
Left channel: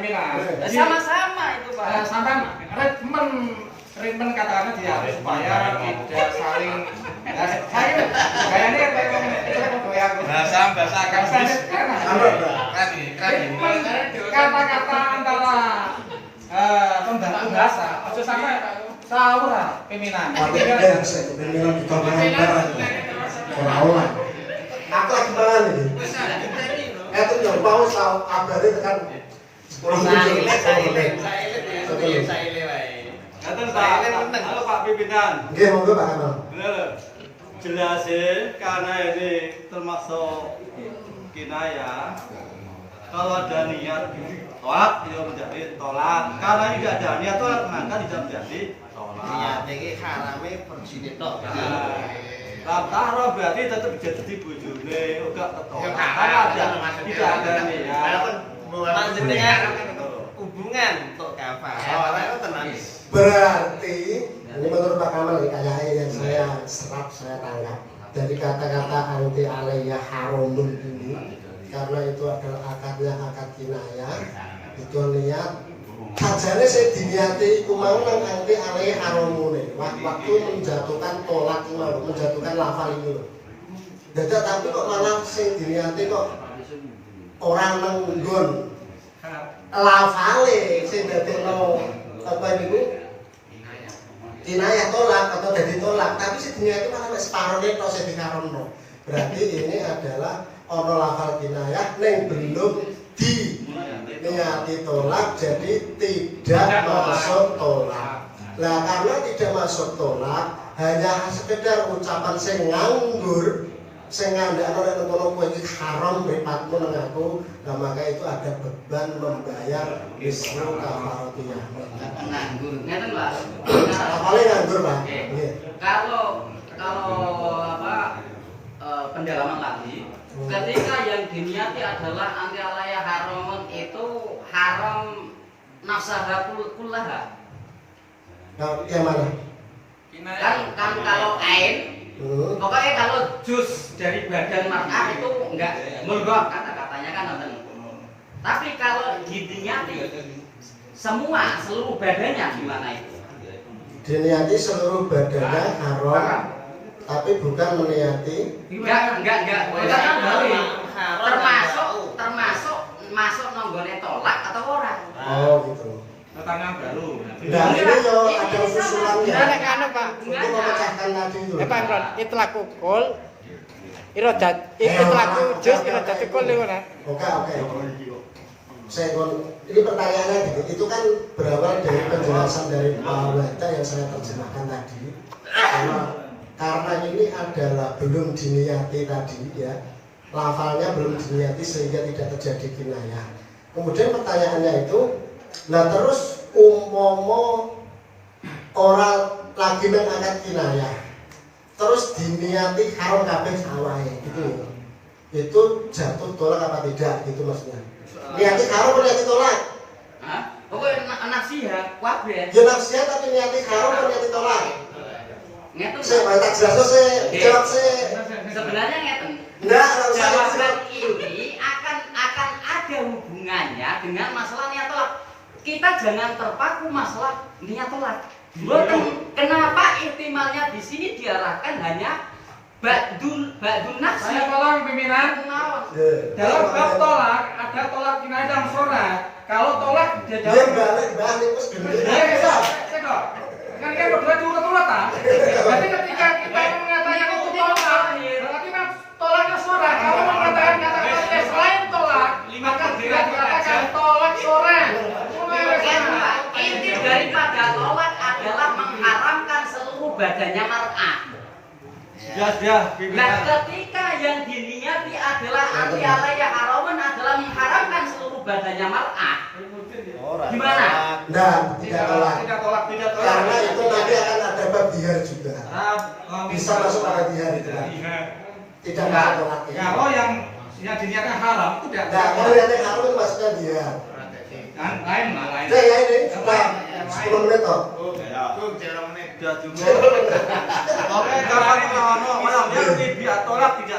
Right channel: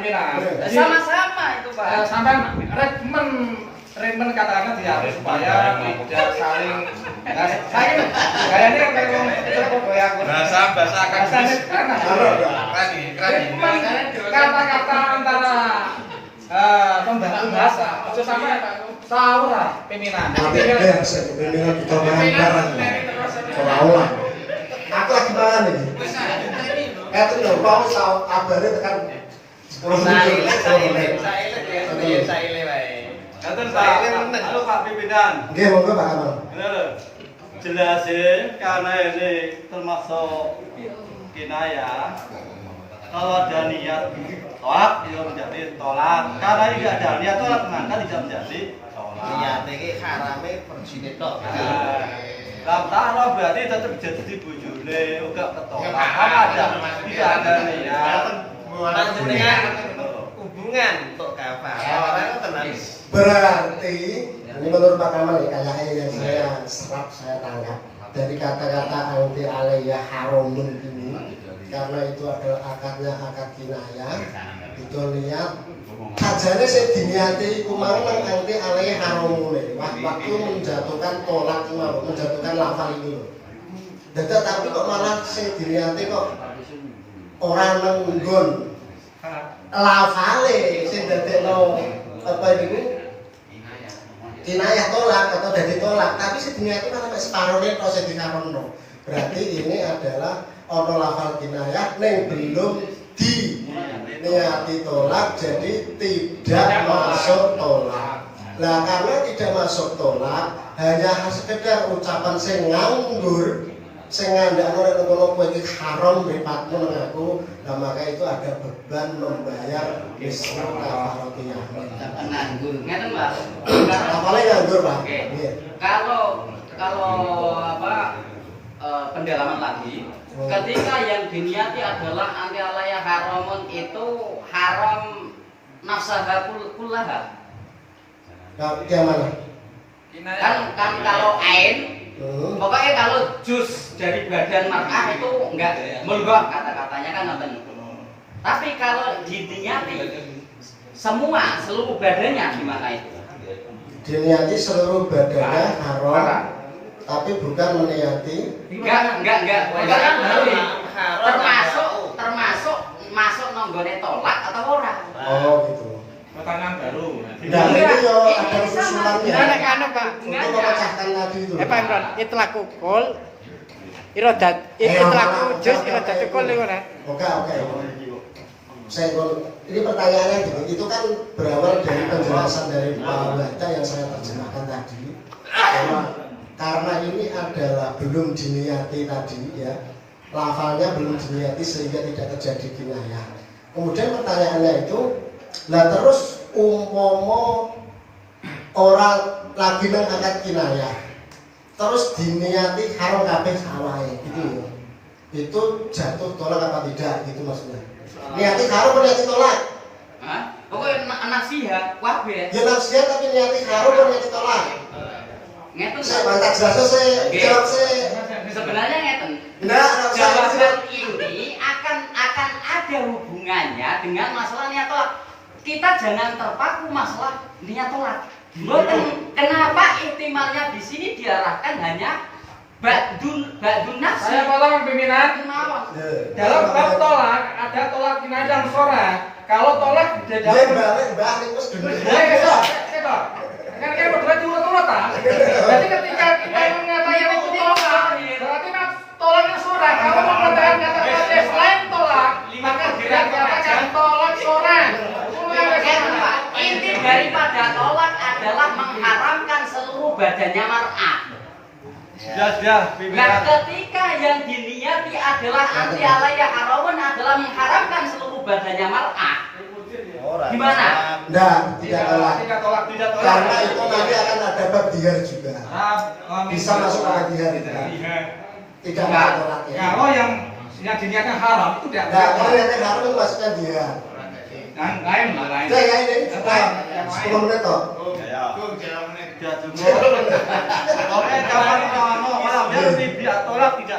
Sama-sama itu, Pak. Sampai treatment katakanlah diatur supaya tidak saling saya gayanya kan kayak goyang Bahasa akademis. kata-kata antara pembantu bahasa itu sampai sahur lah pimpinan Nanti Ben pimpinan kita bareng. Ora olah. Aku lagi mangan iki. Ngeten lho, mau tau abare tekan 10 menit. Ngaten Pak. Halo Pak pimpinan. Nggih, monggo Pak Kamal. Bener. jelasin karena ini termasuk kinayah. Kalau ada niat tolak, dia menjadi tolak. Karena ini tidak ada niat tolak, maka tidak menjadi tolak. Niat ini harame bersini tok. Lam taruh berarti tetap jadi bujune, enggak ketolak. Karena ada tidak ada niat. Lanjutnya hubungan untuk kafar. Orang itu tenang. Berarti ini menurut Pak Kamal ya, kayaknya yang saya serap, saya tangkap dari kata-kata anti alaiya haramun ini, karena itu adalah akadnya akad kinayah, itu niat sajane saya diniati iku mau nang anti alaiya haramun ini waktu menjatuhkan tolak mau menjatuhkan lafal ini. Dadak tapi kok malah saya diniati kok orang nang nggon lafale sing dadekno apa niku kinayah tolak atau dari tolak, tapi sedunia itu malah separuhnya atau sedikarono. Berarti ini adalah ono lafal kinayah neng belum di niati tolak, jadi tidak masuk tolak. Nah karena tidak masuk tolak, hanya sekedar ucapan sing nganggur, sing ngandakno nek ngono kowe iki haram mripatmu nang aku, nah maka itu ada beban membayar misru kafaratiyah. Nganggur, ngeten Pak. Apalagi nganggur Pak. Oke. Kalau pendalaman lagi, ketika yang diniati adalah anti alaiya haramun itu haram nafsaha kullaha. Yang mana? Kan kalau ain, pokoknya kalau jus dari badan mar'ah itu enggak mulbah kata-katanya kan nanti. Tapi kalau diniati semua seluruh badannya gimana itu? Diniati seluruh badannya haram, tapi bukan meniati. Enggak. Termasuk masuk nonggone tolak atau ora? Oh gitu. Pertanyaan baru. Nah ini yo ada usulannya. Ini nek anu Pak. Untuk memecahkan tadi itu. Pak Imron, itlaq kul iradat itlaq juz iradat kul niku nah. Oke. Ini pertanyaannya gini, itu kan berawal dari penjelasan dari Pak Wahda yang saya terjemahkan tadi. Karena ini adalah belum diniati tadi ya, lafalnya belum diniati sehingga tidak terjadi kinayah. Kemudian pertanyaannya itu, nah terus umpama orang lagi nang akad kinayah, terus diniati haram kabeh sawahe gitu. Itu jatuh tolak apa tidak gitu maksudnya? Niati haram apa niati tolak? Hah? Pokoknya nasihat kabeh. Ya nasihat tapi niati haram apa niati tolak? Ngeten. Saya baca jelasnya saya jawab saya. Sebenarnya ngeten. Enggak, jawaban ini akan ada hubungannya dengan masalah niat tolak. Kita jangan terpaku masalah niat tolak. Kenapa ihtimalnya di sini diarahkan hanya ba'dun nafsi? Saya tolak pimpinan. Dalam bab tolak ada tolak kinayah yang sorak. Kalau tolak di dalam kan kayak berdua diurut-urut ah. Berarti ketika kita mengatakan itu tolak, berarti kan tolaknya sorak. Kalau mengatakan kata selain tolak, maka tidak dikatakan tolak sorak. Inti daripada tolak adalah mengharamkan seluruh badannya mar'ah. Nah, ketika yang diniati adalah anti alaiya haramun adalah mengharamkan seluruh badannya mar'ah. Gimana? Nah, tidak tolak. Karena itu nanti akan ada bab dihar juga. Bisa masuk pada dihar itu. Tidak masuk tolak ya. Kalau yang diniatkan haram itu tidak. Nah, kalau yang haram itu masukkan dihar. Lain. Udah ya ini, sudah 10 menit toh. Oke, kapan malam dia lebih tolak tidak